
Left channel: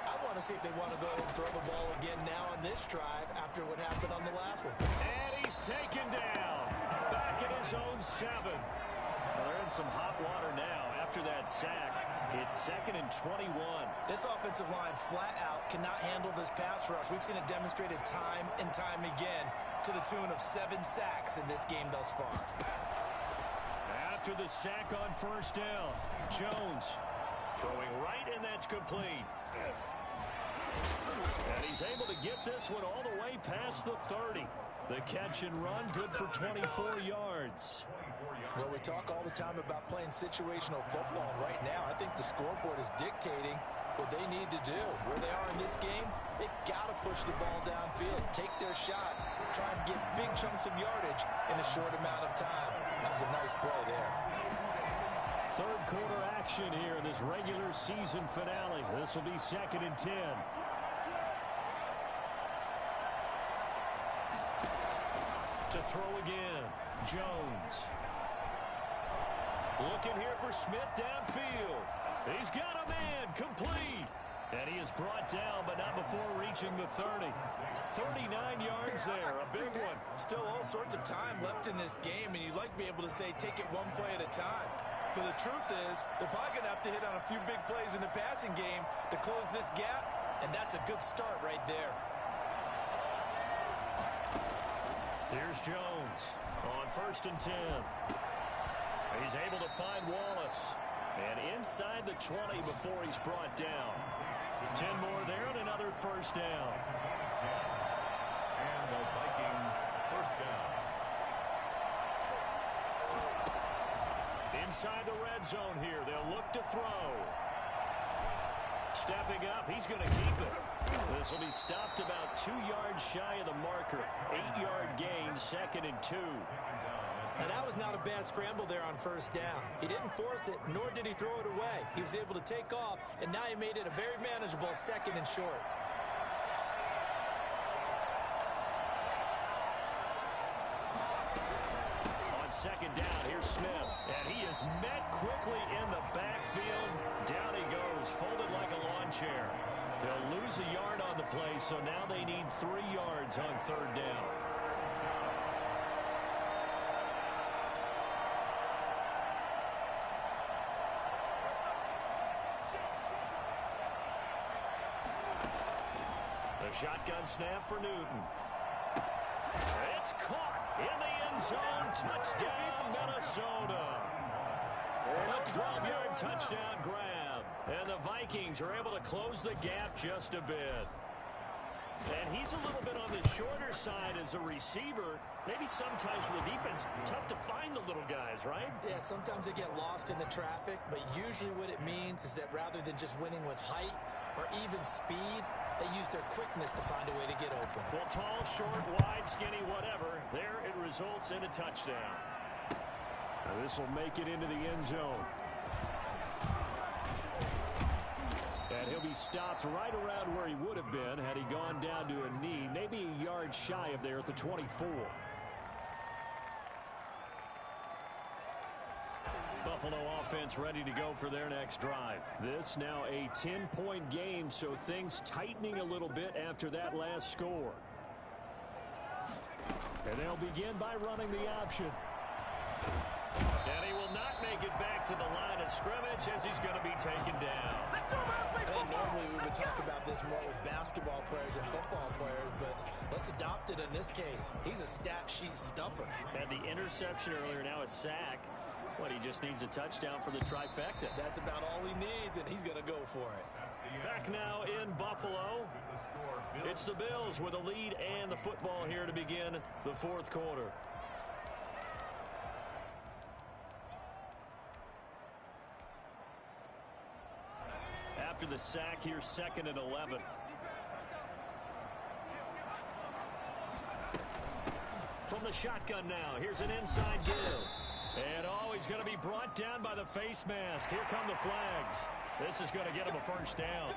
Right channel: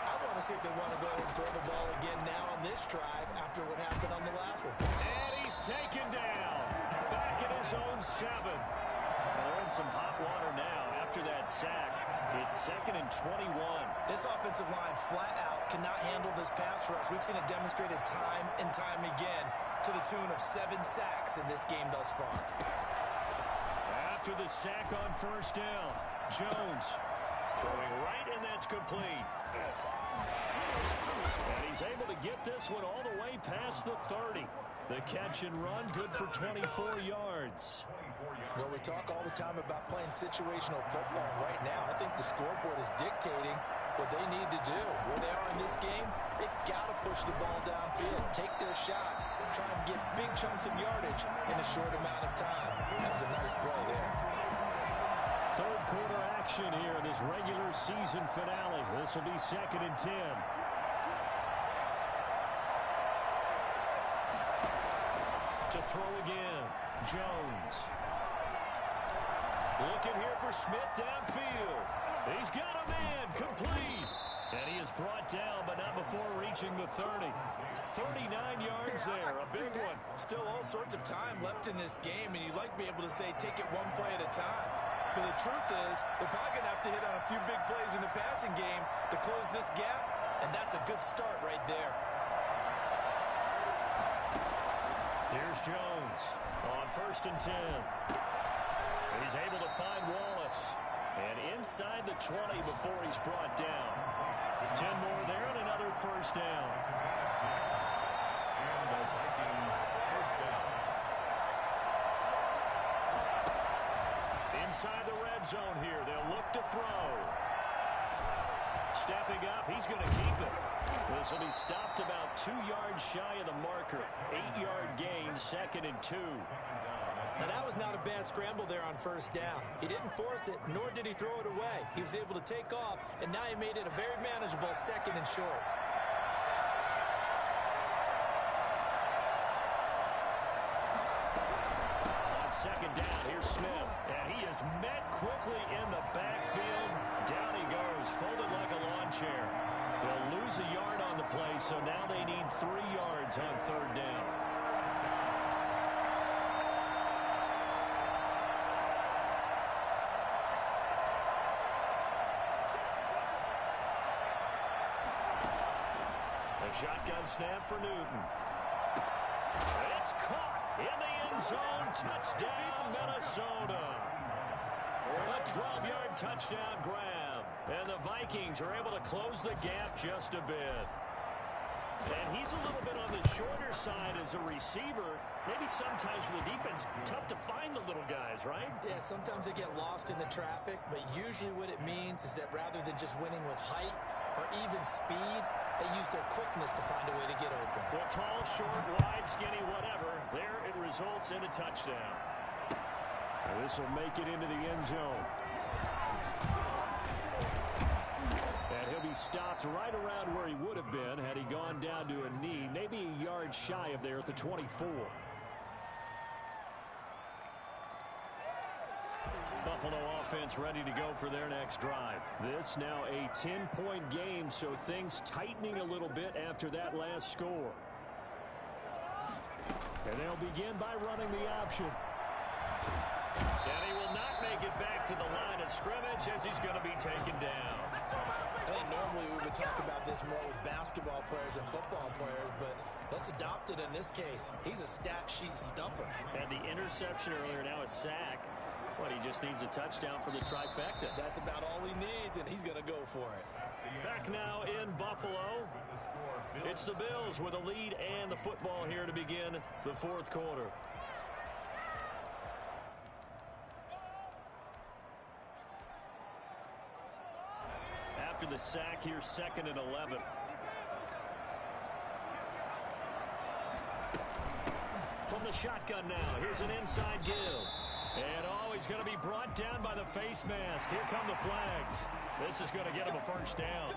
I want to see if they want to go ahead and throw the ball again now on this drive after what happened on the last one. And he's taken down. Back at his own 7. Well, they're in some hot water now after that sack. It's 2nd and 21. This offensive line flat out cannot handle this pass rush. We've seen it demonstrated time and time again to the tune of 7 sacks in this game thus far. After the sack on 1st down, Jones throwing right, and that's complete. And he's able to get this one all the way past the 30. The catch and run, good for 24 yards. Well, we talk all the time about playing situational football. Right now, I think the scoreboard is dictating what they need to do. Where they are in this game, they've got to push the ball downfield, take their shots, try and get big chunks of yardage in a short amount of time. That was a nice play there. 3rd quarter action here in this regular season finale. This will be 2nd and 10. To throw again, Jones. Looking here for Smith downfield. He's got a man, complete. And he is brought down, but not before reaching the 30. 39 yards there, a big one. Still all sorts of time left in this game, and you'd like to be able to say take it 1 play at a time. But the truth is, they're probably going to have to hit on a few big plays in the passing game to close this gap, and that's a good start right there. Here's Jones on 1st and 10. He's able to find Wallace. And inside the 20 before he's brought down. 10 more there and another 1st down. And the Vikings 1st down. inside the red zone here. They'll look to throw. Stepping up, he's going to keep it. This will be stopped about 2 yards shy of the marker. 8-yard gain, 2nd and 2. Now, that was not a bad scramble there on first down. He didn't force it, nor did he throw it away. He was able to take off, and now he made it a very manageable 2nd and short. On 2nd down, here's Smith. And he is met quickly in the backfield. Down he goes, folded like a lawn chair. They'll lose a yard on the play, so now they need 3 yards on 3rd down. The shotgun snap for Newton. It's caught in the end zone. Touchdown, Minnesota. A 12-yard touchdown grab. And the Vikings are able to close the gap just a bit. And he's a little bit on the shorter side as a receiver. Maybe sometimes for the defense, tough to find the little guys, right? Yeah, sometimes they get lost in the traffic, but usually what it means is that rather than just winning with height or even speed, they use their quickness to find a way to get open. Well, tall, short, wide, skinny, whatever. There it results in a touchdown. Now this will make it into the end zone. And he'll be stopped right around where he would have been had he gone down to a knee, maybe a yard shy of there at the 24. Buffalo offense ready to go for their next drive. This now a 10-point game, so things tightening a little bit after that last score. And they'll begin by running the option. And he will not make it back to the line of scrimmage as he's going to be taken down. I think normally we would talk about this more with basketball players and football players, but let's adopt it in this case. He's a stat sheet stuffer. Had the interception earlier, now a sack. What, he just needs a touchdown for the trifecta. That's about all he needs, and he's going to go for it. Back now in Buffalo. It's the Bills with a lead and the football here to begin the 4th quarter. After the sack, here's 2nd and 11. From the shotgun now, here's an inside give. And he's going to be brought down by the face mask. Here come the flags. This is going to get him a first down.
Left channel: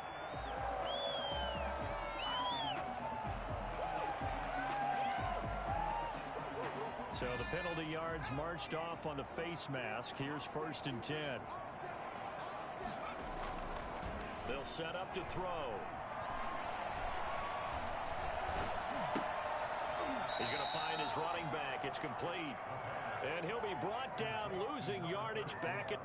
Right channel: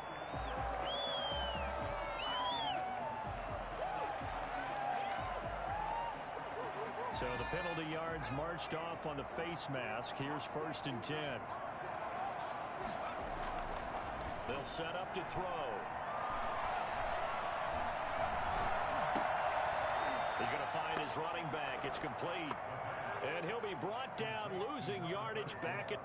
So the penalty yards marched off on the face mask. Here's 1st and 10. They'll set up to throw. He's going to find his running back. It's complete. And he'll be brought down, losing yardage back at...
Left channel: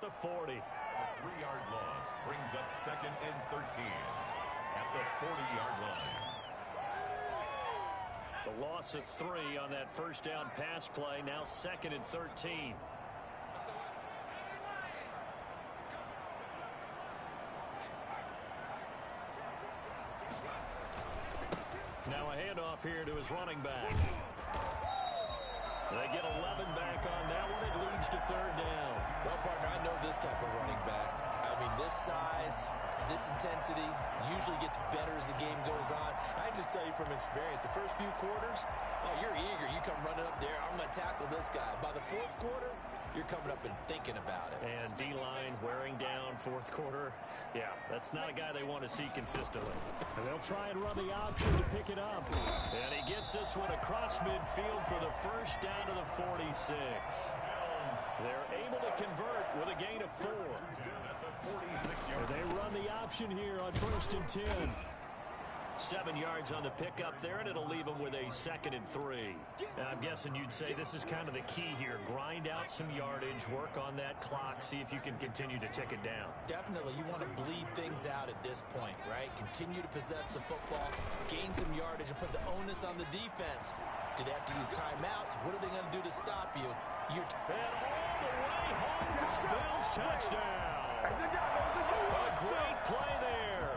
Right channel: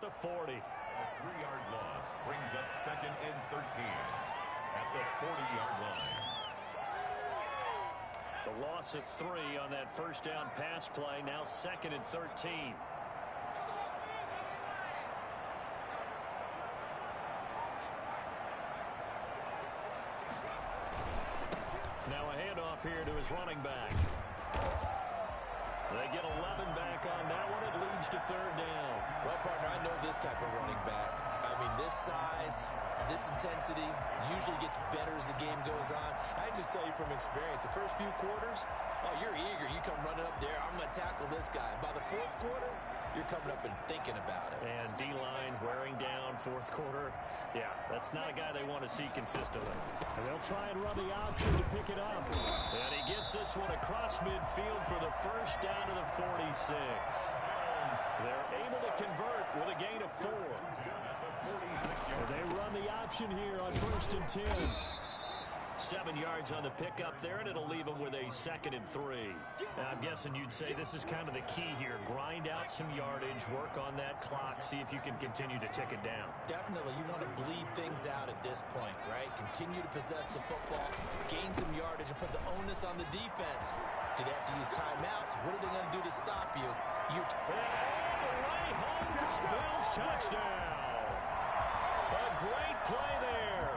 the 40. A 3-yard loss brings up 2nd and 13 at the 40-yard line. The loss of 3 on that first down pass play. Now 2nd and 13. Now a handoff here to his running back. They get 11 back on that one. It leads to 3rd down. Well, partner, I know this type of running back. I mean, this size, this intensity usually gets better as the game goes on. I just tell you from experience, the first few quarters, oh, you're eager. You come running up there. I'm going to tackle this guy. By the 4th quarter, you're coming up and thinking about it. And D-line wearing down 4th quarter. Yeah, that's not a guy they want to see consistently. And they'll try and run the option to pick it up. And he gets this one across midfield for the first down to the 46. They're able to convert with a gain of 4. They run the option here on 1st and 10. 7 yards on the pickup there, and it'll leave them with a 2nd and 3. I'm guessing you'd say this is kind of the key here. Grind out some yardage, work on that clock, see if you can continue to tick it down. Definitely. You want to bleed things out at this point, right? Continue to possess the football, gain some yardage, and put the onus on the defense. Do they have to use timeouts? What are they going to do to stop you? And all the way home for the Bills touchdown. A great play there.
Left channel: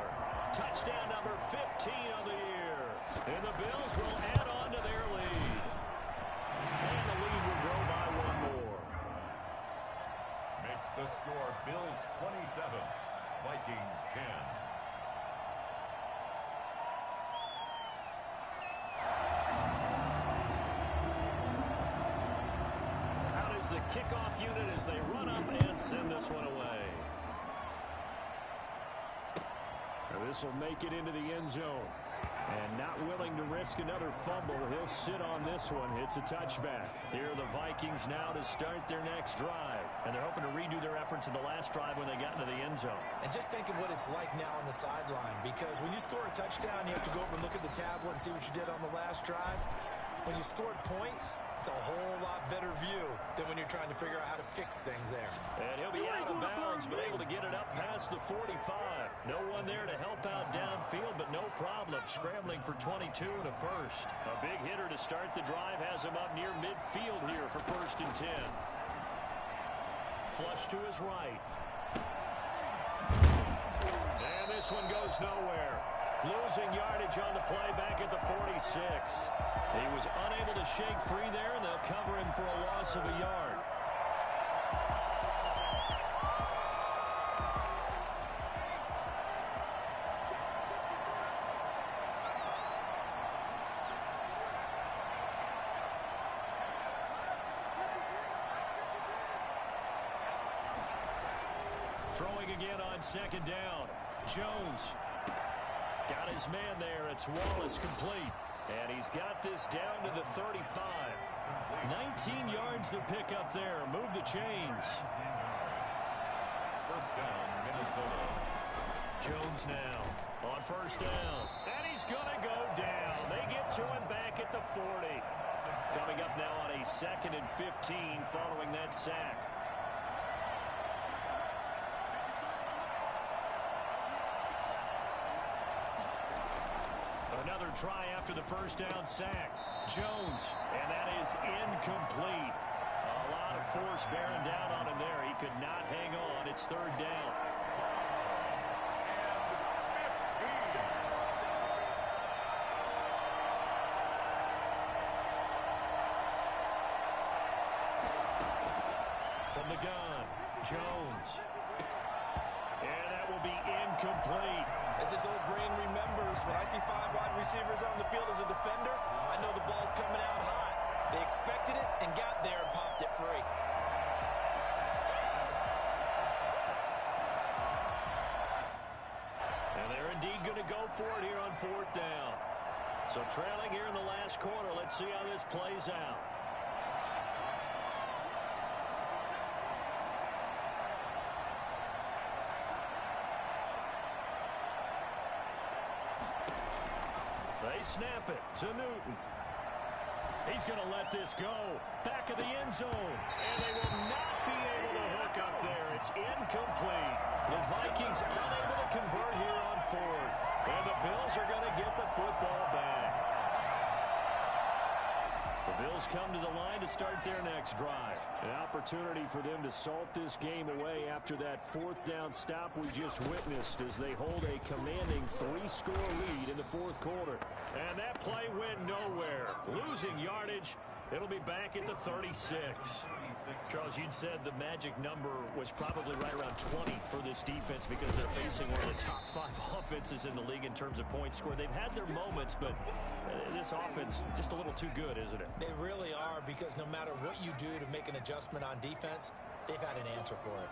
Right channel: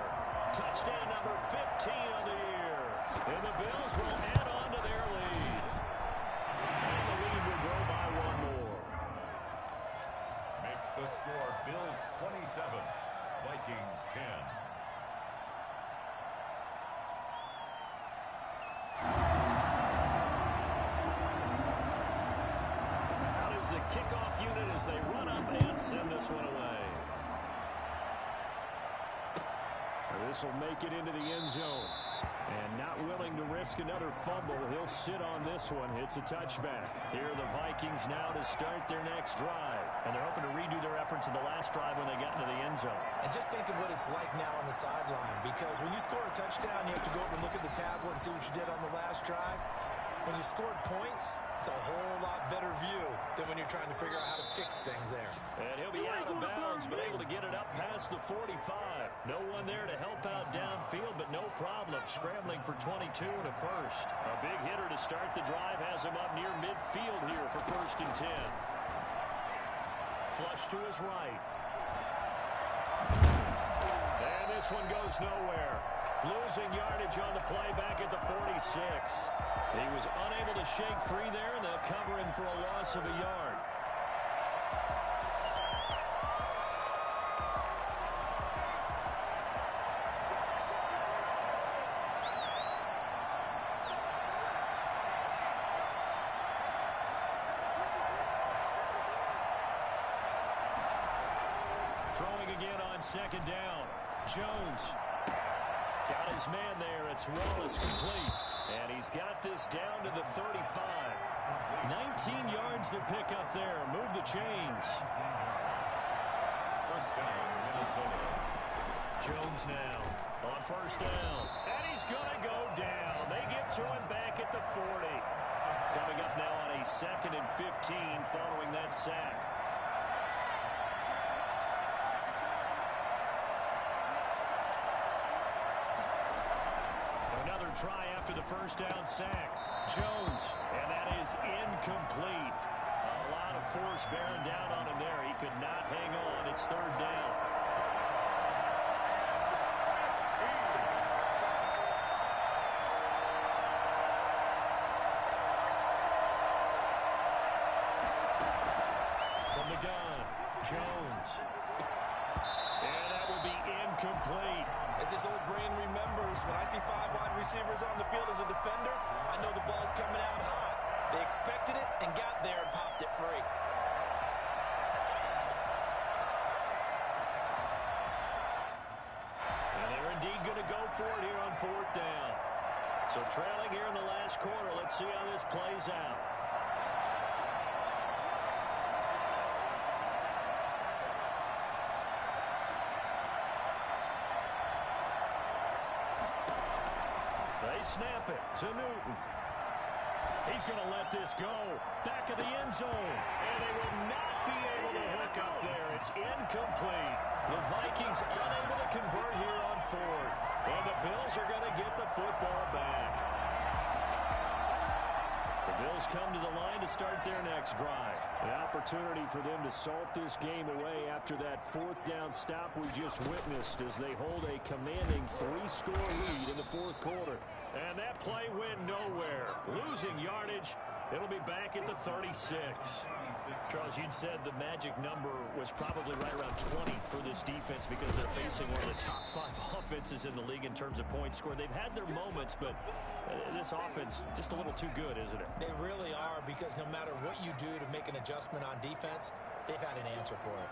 Touchdown number 15 of the year. And the Bills will add on to their lead. And the lead will grow by 1 more. Makes the score Bills 27, Vikings 10. Out is the kickoff unit as they run up and send this one away. This will make it into the end zone. And not willing to risk another fumble, he'll sit on this one. It's a touchback. Here are the Vikings now to start their next drive. And they're hoping to redo their efforts in the last drive when they got into the end zone. And just think of what it's like now on the sideline, because when you score a touchdown, you have to go over and look at the tablet and see what you did on the last drive. When you scored points, it's a whole lot better view than when you're trying to figure out how to fix things there. And he'll be out of bounds, but able to get it up past the 45. No one there to help out downfield, but no problem. Scrambling for 22 and a first. A big hitter to start the drive has him up near midfield here for 1st and 10. Flush to his right. And this one goes nowhere. Losing yardage on the play back at the 46. He was unable to shake free there, and they'll cover him for a loss of a yard. Throwing again on 2nd down. Jones got his man there. It's Wallace complete. And he's got this down to the 35. 19 yards to pick up there. Move the chains. 1st down, Minnesota. Jones now on 1st down. And he's going to go down. They get to him back at the 40. Coming up now on a 2nd and 15 following that sack. Another try after the 1st down sack. Jones, and that is incomplete. A lot of force bearing down on him there. He could not hang on. It's 3rd down. From the gun, Jones. And that will be incomplete. As this old brain remembers, when I see 5 wide receivers on the field as a defender, I know the ball's coming out hot. They expected it and got there and popped it free. And they're indeed going to go for it here on 4th down. So trailing here in the last quarter. Let's see how this plays out. They snap it to Newton. He's going to let this go. Back of the end zone. And they will not be able to hook up there. It's incomplete. The Vikings unable to convert here on 4th. And the Bills are going to get the football back. The Bills come to the line to start their next drive. An opportunity for them to salt this game away after that 4th down stop we just witnessed as they hold a commanding 3-score lead in the 4th quarter. And that play went nowhere. Losing yardage. It'll be back at the 36. Charles, you'd said the magic number was probably right around 20 for this defense because they're facing one of the top 5 offenses in the league in terms of points scored. They've had their moments, but this offense just a little too good, isn't it? They really are, because no matter what you do to make an adjustment on defense, they've had an answer for it.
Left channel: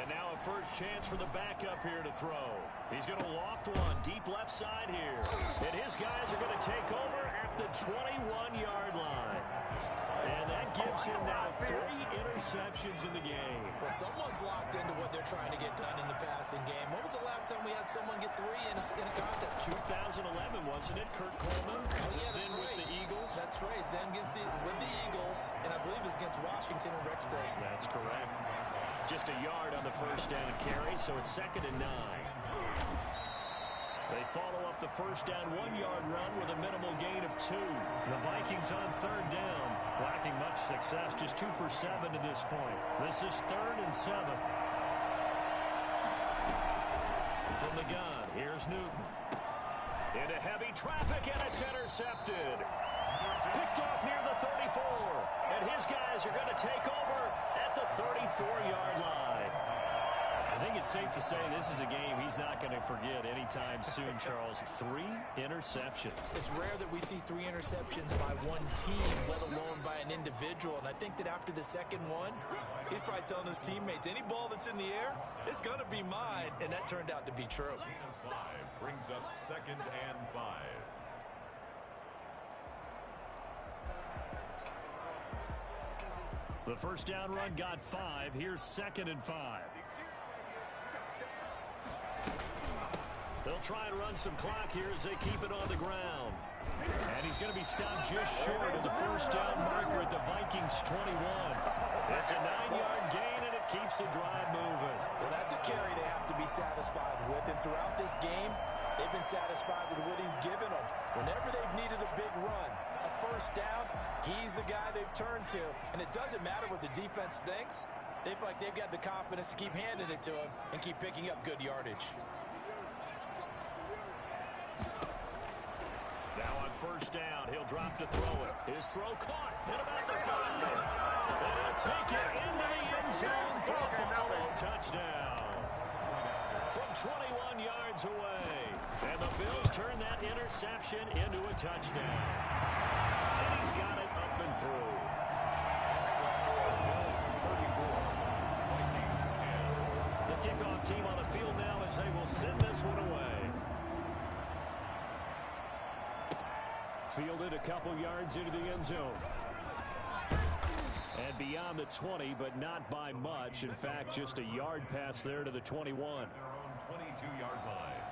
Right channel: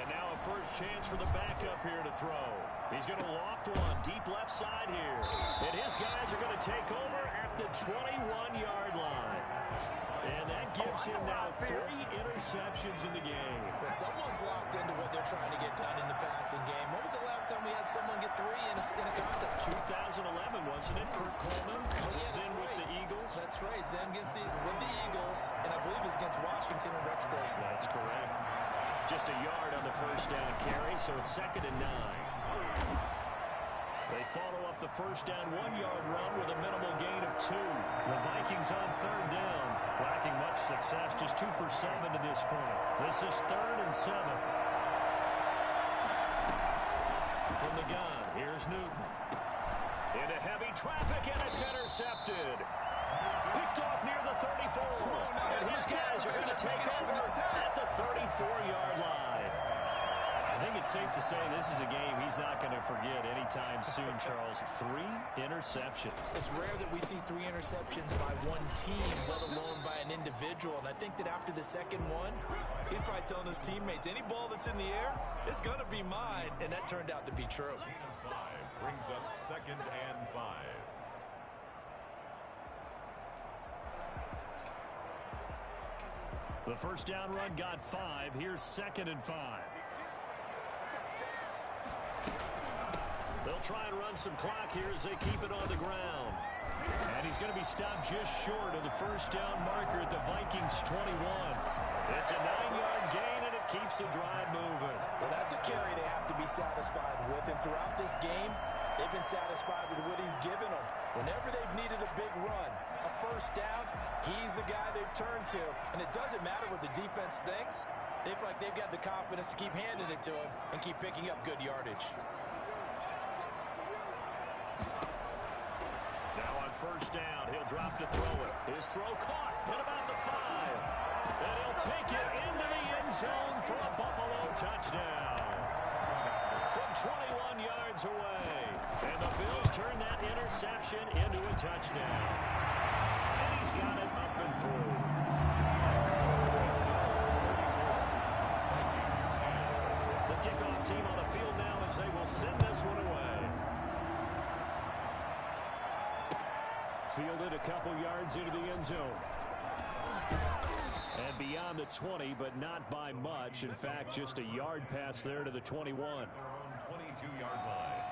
And now a first chance for the backup here to throw. He's going to loft one deep left side here. And his guys are going to take over at the 21-yard line. And that gives him now 3 interceptions in the game. Well, someone's locked into what they're trying to get done in the passing game. When was the last time we had someone get 3 in a contest? 2011, wasn't it? Kurt Coleman. Oh, yeah, that's then right. With the Eagles. That's right. Then with the Eagles, and I believe it's against Washington and Rex Grossman. That's correct. Just a yard on the first down carry, so it's 2nd and 9. They follow up the first down 1-yard run with a minimal gain of 2. The Vikings on 3rd down, lacking much success, just 2 for 7 to this point. This is 3rd and 7. From the gun, here's Newton. Into heavy traffic, and it's intercepted. Picked off near the 34. And his guys are going to take over at the 34-yard line. I think it's safe to say this is a game he's not going to forget anytime soon, Charles. 3 interceptions. It's rare that we see 3 interceptions by one team, let alone by an individual. And I think that after the second one, he's probably telling his teammates, any ball that's in the air, it's going to be mine. And that turned out to be true. 5 brings up 2nd and 5. The first down run got 5. Here's 2nd and 5. They'll try and run some clock here as they keep it on the ground. And he's going to be stopped just short of the first down marker at the Vikings 21. It's a 9-yard gain, and it keeps the drive moving. Well, that's a carry they have to be satisfied with. And throughout this game, they've been satisfied with what he's given them. Whenever they've needed a big run, a first down, he's the guy they've turned to. And it doesn't matter what the defense thinks. They feel like they've got the confidence to keep handing it to him and keep picking up good yardage. Now on first down, he'll drop to throw it. His throw caught at about the 5. And he'll take it into the end zone for a Buffalo touchdown. From 21 yards away. And the Bills turn that interception into a touchdown. And he's got it up and through. The kickoff team on the field now as they will send this one away. Fielded a couple yards into the end zone. And beyond the 20, but not by much. In fact, just a yard pass there to the 21. Their own 22-yard line.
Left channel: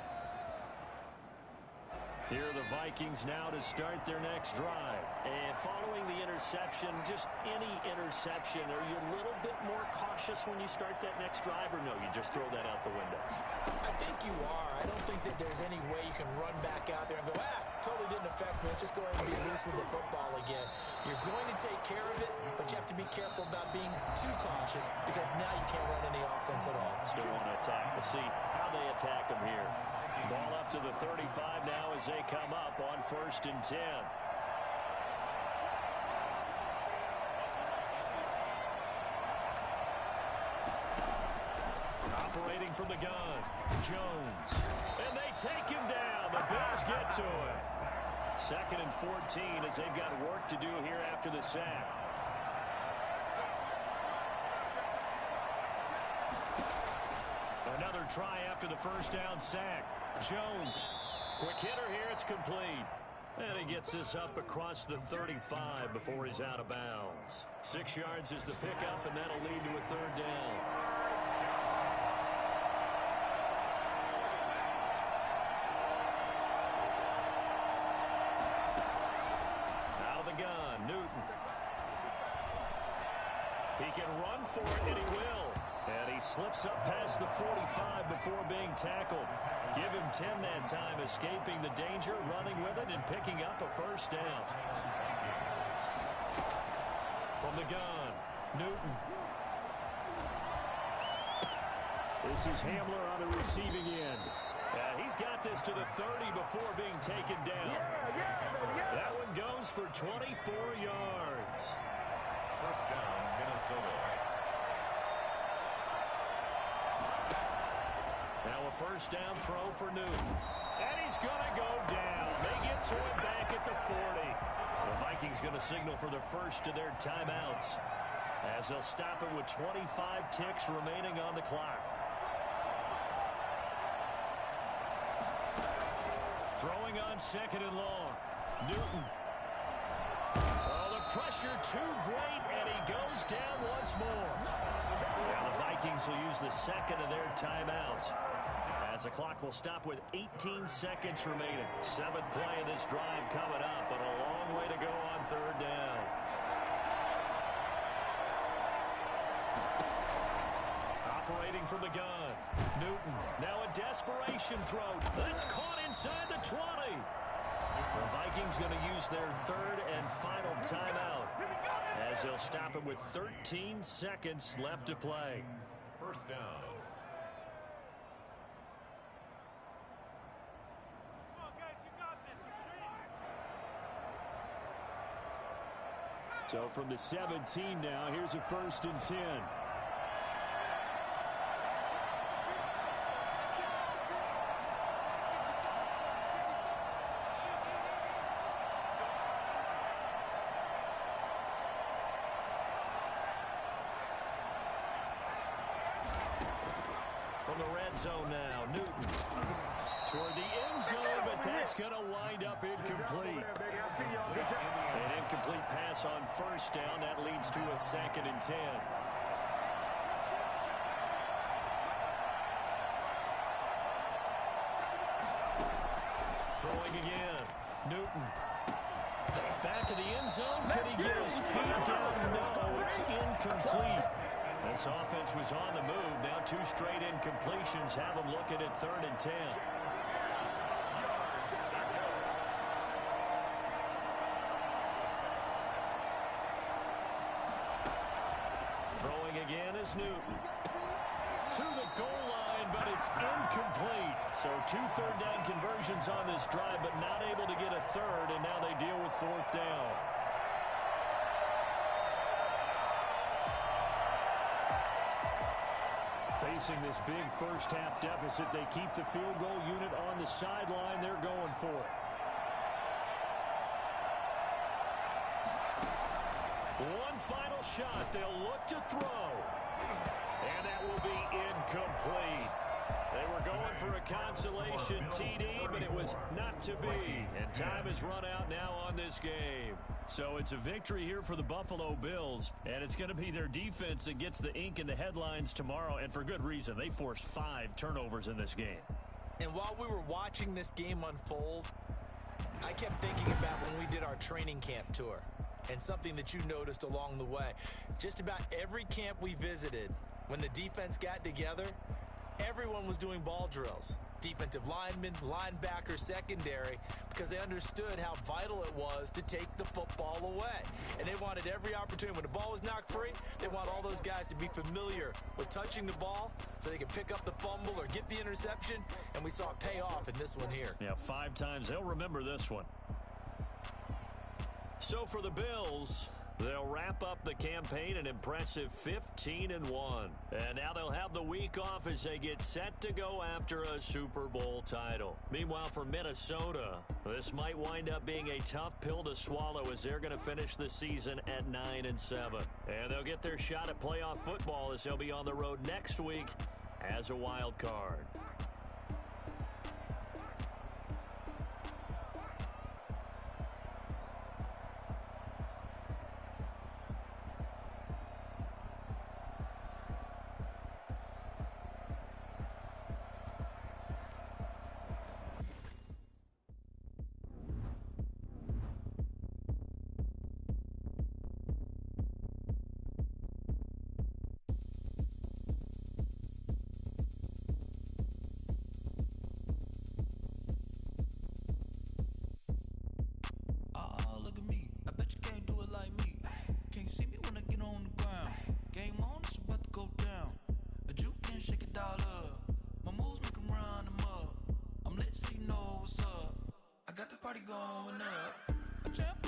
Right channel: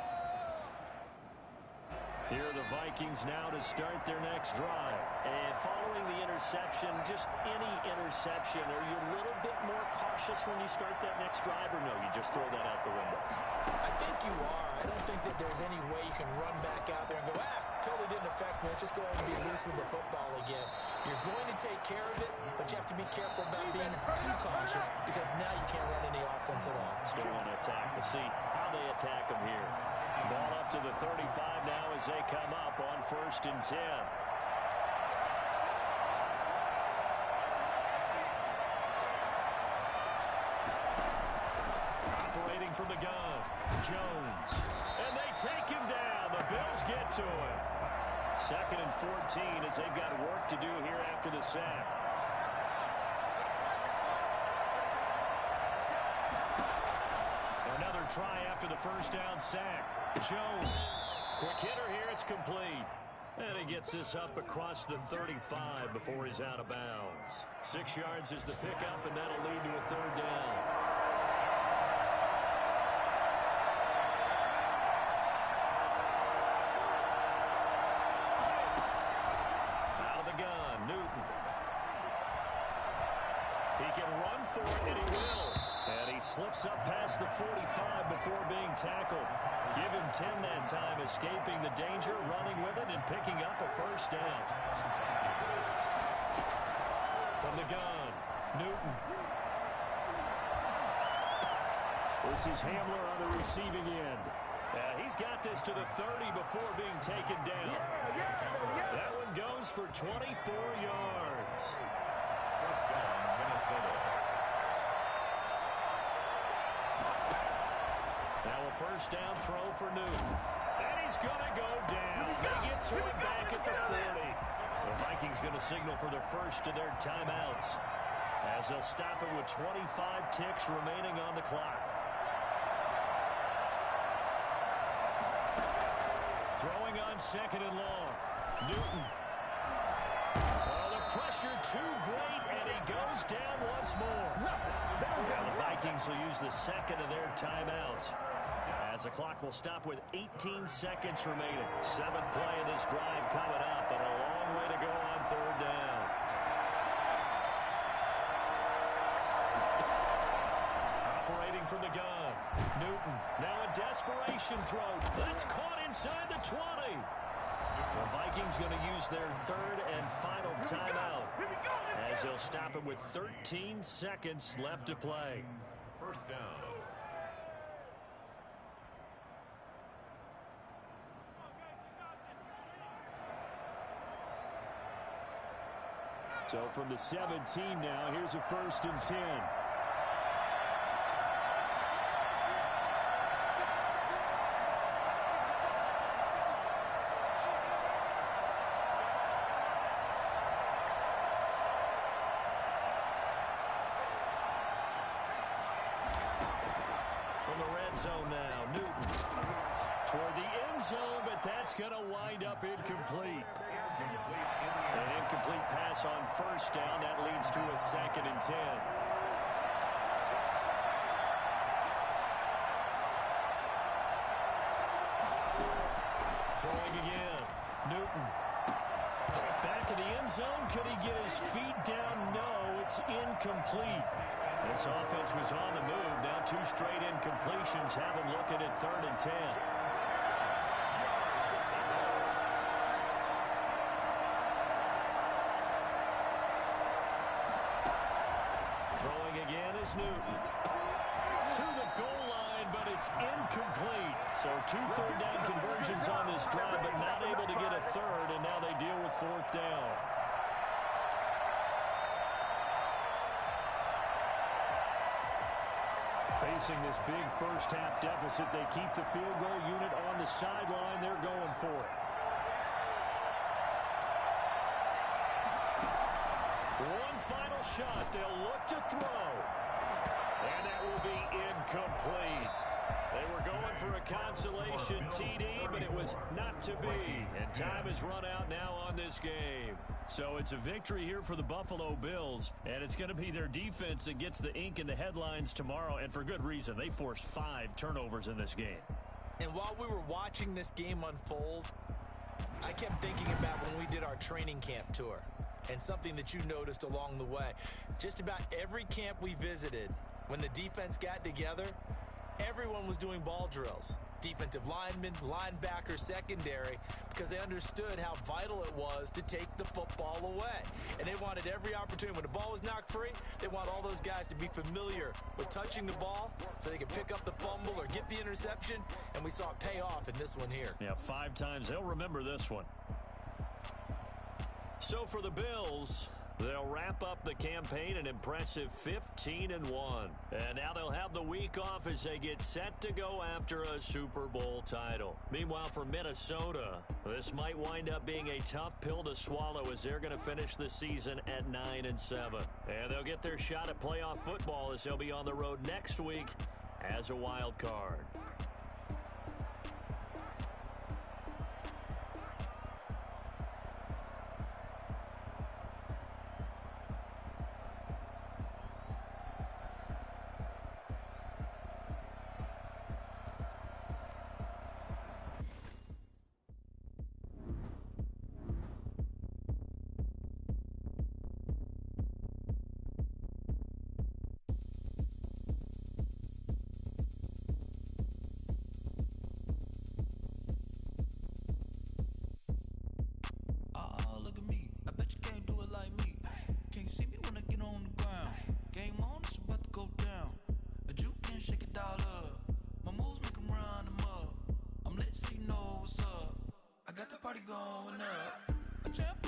Here are the Vikings now to start their next drive. And following the interception, just any interception, are you a little bit more cautious when you start that next drive, or no, you just throw that out the window? I think you are. I don't think that there's any way you can run back out there and go, totally didn't affect me. Let's just go ahead and be loose with the football again. You're going to take care of it, but you have to be careful about being too cautious because now you can't run any offense at all. Still want to attack. We'll see how they attack them here. Ball up to the 35 now as they come up on 1st and 10. Operating from the gun, Jones. And they take him down. The Bills get to him. 2nd and 14 as they've got work to do here after the sack. Another try after the first down sack. Jones, quick hitter here, it's complete. And he gets this up across the 35 before he's out of bounds. 6 yards is the pickup, and that'll lead to a 3rd down. Out of the gun, Newton. He can run for it, and he will. And he slips up past the 45 before being tackled. Give him 10 that time, escaping the danger, running with it, and picking up a first down. From the gun, Newton. This is Hamler on the receiving end. He's got this to the 30 before being taken down. That one goes for 24 yards. First down, Minnesota. Now a first down throw for Newton. And he's going to go down. They get to him back at the 40. The Vikings going to signal for the first of their timeouts. as they'll stop it with 25 ticks remaining on the clock. Throwing on second and long. Newton. Oh, the pressure too great, and he goes down once more. Now the Vikings will use the second of their timeouts, as the clock will stop with 18 seconds remaining. Seventh play of this drive coming up, but a long way to go on third down. Operating from the gun, Newton. Now a desperation throw. That's caught inside the 20. The Vikings going to use their third and final timeout, as they'll stop it with 13 seconds left to play. First down. So from the 17 now, here's a 1st and 10. From the red zone now, Newton toward the end zone, but that's going to wind up incomplete. An incomplete pass on first down. That leads to a 2nd and 10. Throwing again. Newton. Back of the end zone. Could he get his feet down? No, it's incomplete. This offense was on the move. Now 2 straight incompletions have them looking at 3rd and 10. Throwing again is Newton. To the goal line, but it's incomplete. So 2 third down conversions on this drive, but not able to get a third, and now they deal with 4th down. Facing this big first-half deficit, they keep the field goal unit on the sideline. They're going for it. One final shot. They'll look to throw. And that will be incomplete. They were going for a consolation TD, but it was not to be. And time has run out now on this game. So it's a victory here for the Buffalo Bills, and it's going to be their defense that gets the ink in the headlines tomorrow, and for good reason. They forced 5 turnovers in this game. And while we were watching this game unfold, I kept thinking about when we did our training camp tour, and something that you noticed along the way. Just about every camp we visited, when the defense got together, everyone was doing ball drills. Defensive linemen, linebackers, secondary, because they understood how vital it was to take the football away. And they wanted every opportunity. When the ball was knocked free, they want all those guys to be familiar with touching the ball so they can pick up the fumble or get the interception. And we saw it pay off in this one here. Yeah, 5 times. They'll remember this one. So for the Bills, they'll wrap up the campaign an impressive 15-1. And now they'll have the week off as they get set to go after a Super Bowl title. Meanwhile, for Minnesota, this might wind up being a tough pill to swallow as they're going to finish the season at 9-7. And they'll get their shot at playoff football as they'll be on the road next week as a wild card. Party going up. A champ